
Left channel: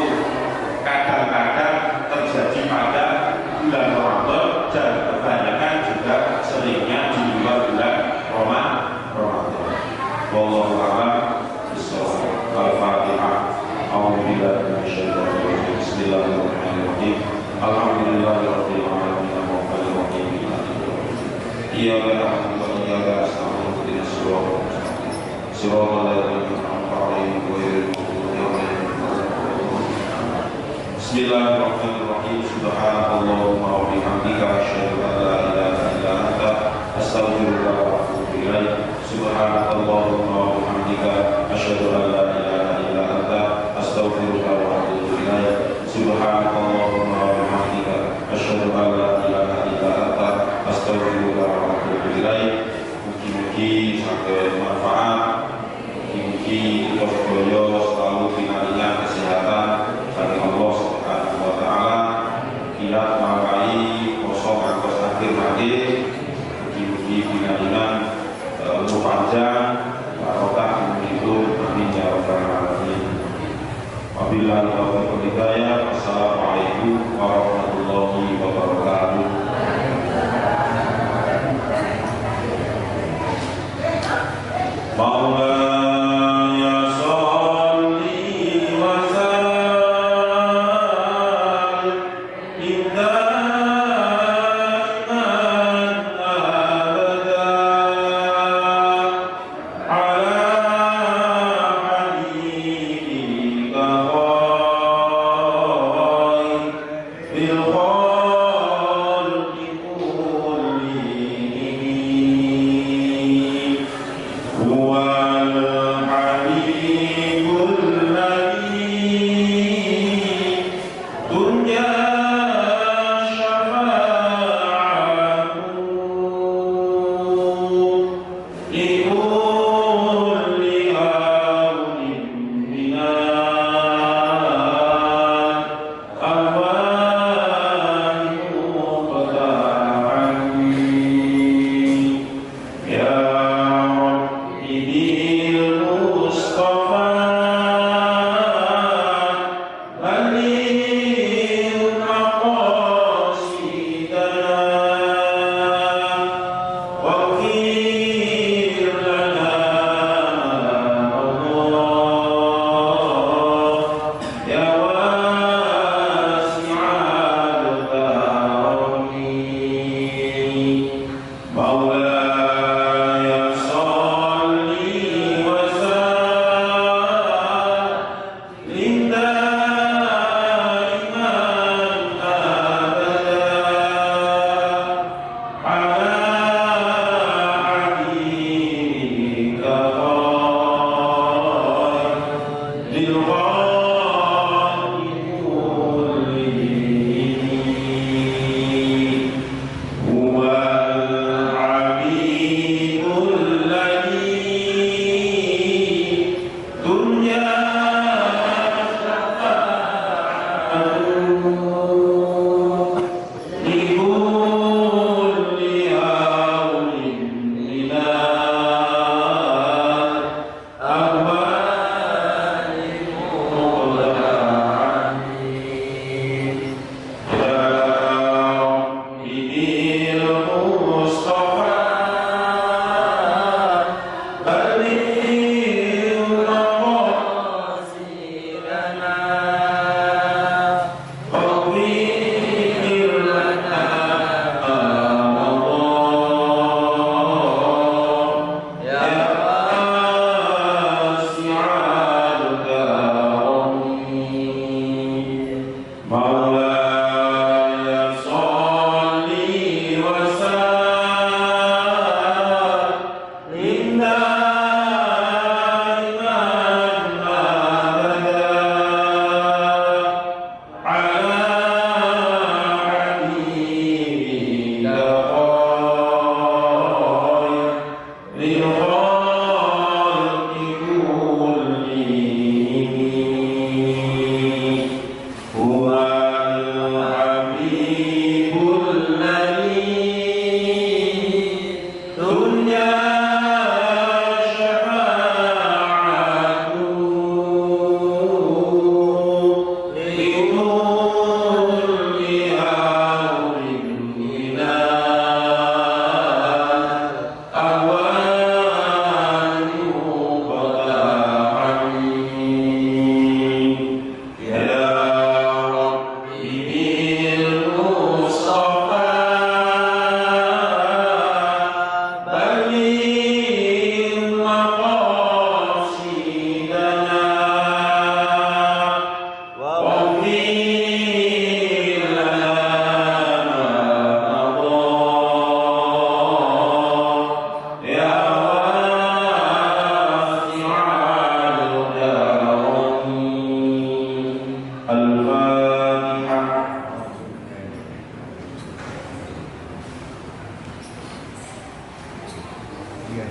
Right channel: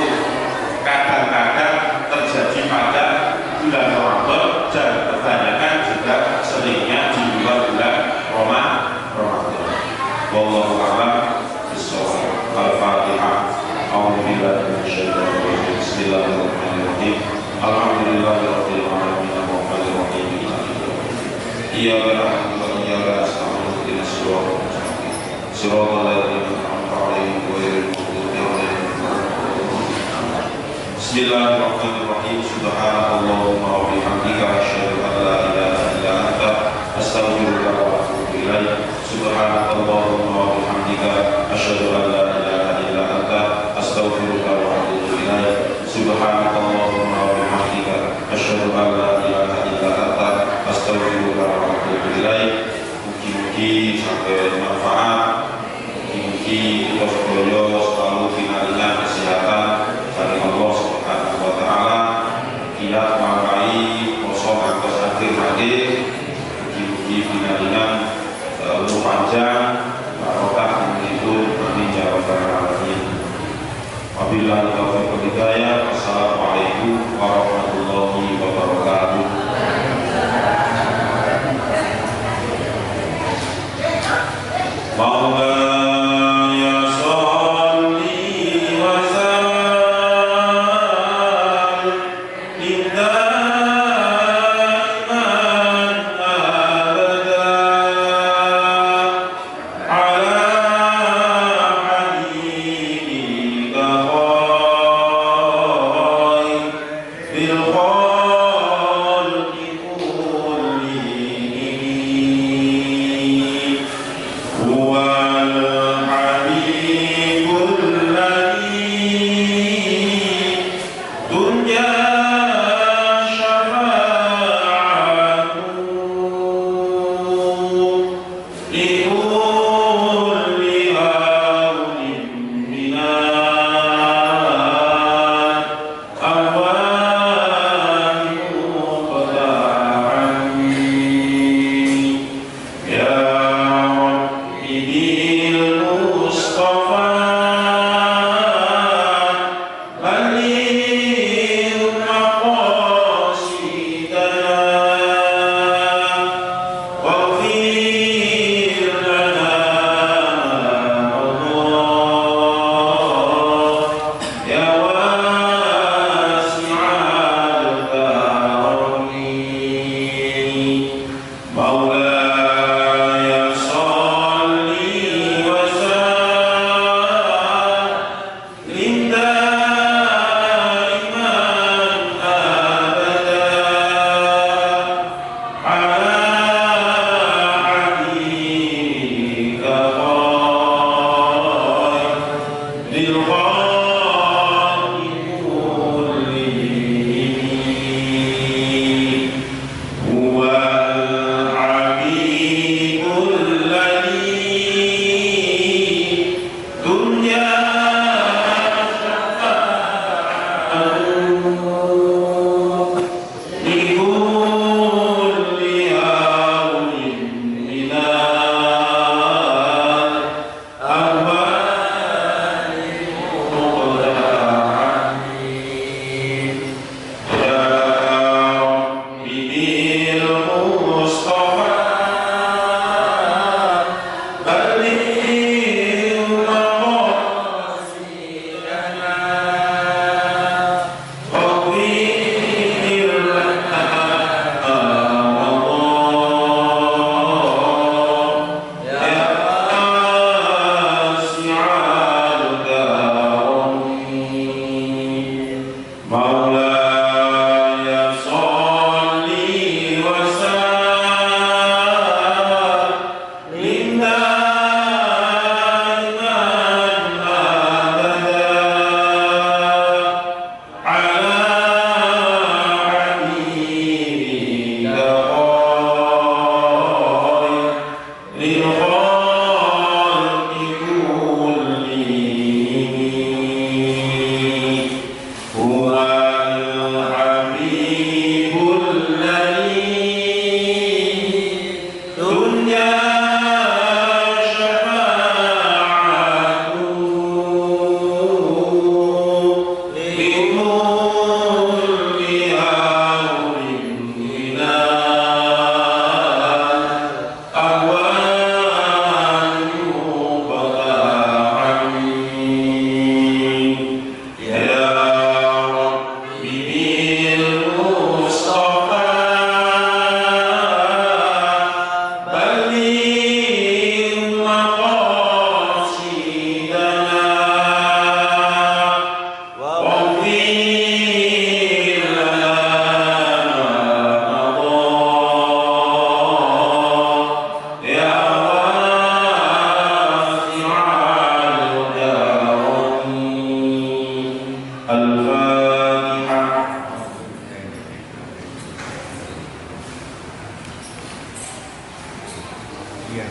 kadang-kadang terjadi pada bulan Ramadan dan kebanyakan juga seringnya di luar bulan Ramadan. Wallahu a'lam bishawab. Al-Fatihah. A'udzubillahi minasyaitonir rajim. Bismillahirrahmanirrahim. Alhamdulillahirabbil alamin arrahmanir rahim. Iyyaka na'budu wa iyyaka nasta'in. Ihdinas siratal ladzina an'amta 'alaihim ghairil maghdubi 'alaihim waladdallin. Bismillahirrahmanirrahim. Subhanallahumma wa bihamdika asyhadu an la ilaha illa anta astaghfiruka wa atubu ilaik. Subhanallahumma wa bihamdika asyhadu an la ilaha illa anta astaghfiruka wa atubu ilaik. Subhanallahumma wa bihamdika asyhadu an la ilaha illa anta astaghfiruka wa atubu ilaik. Mugi-mugi saged manfaat, mugi-mugi kita sedaya selalu pinaringan kesehatan dari Allah Subhanahu wa taala. Kita mangkai poso ngantos akhir-akhir, mugi-mugi pinaringan umur panjang, barokah hidup, amin ya rabbal alamin. Wabillahi taufiq wal hidayah. Wassalamualaikum warahmatullahi wabarakatuh. Fil Al-Fatihah. Iya.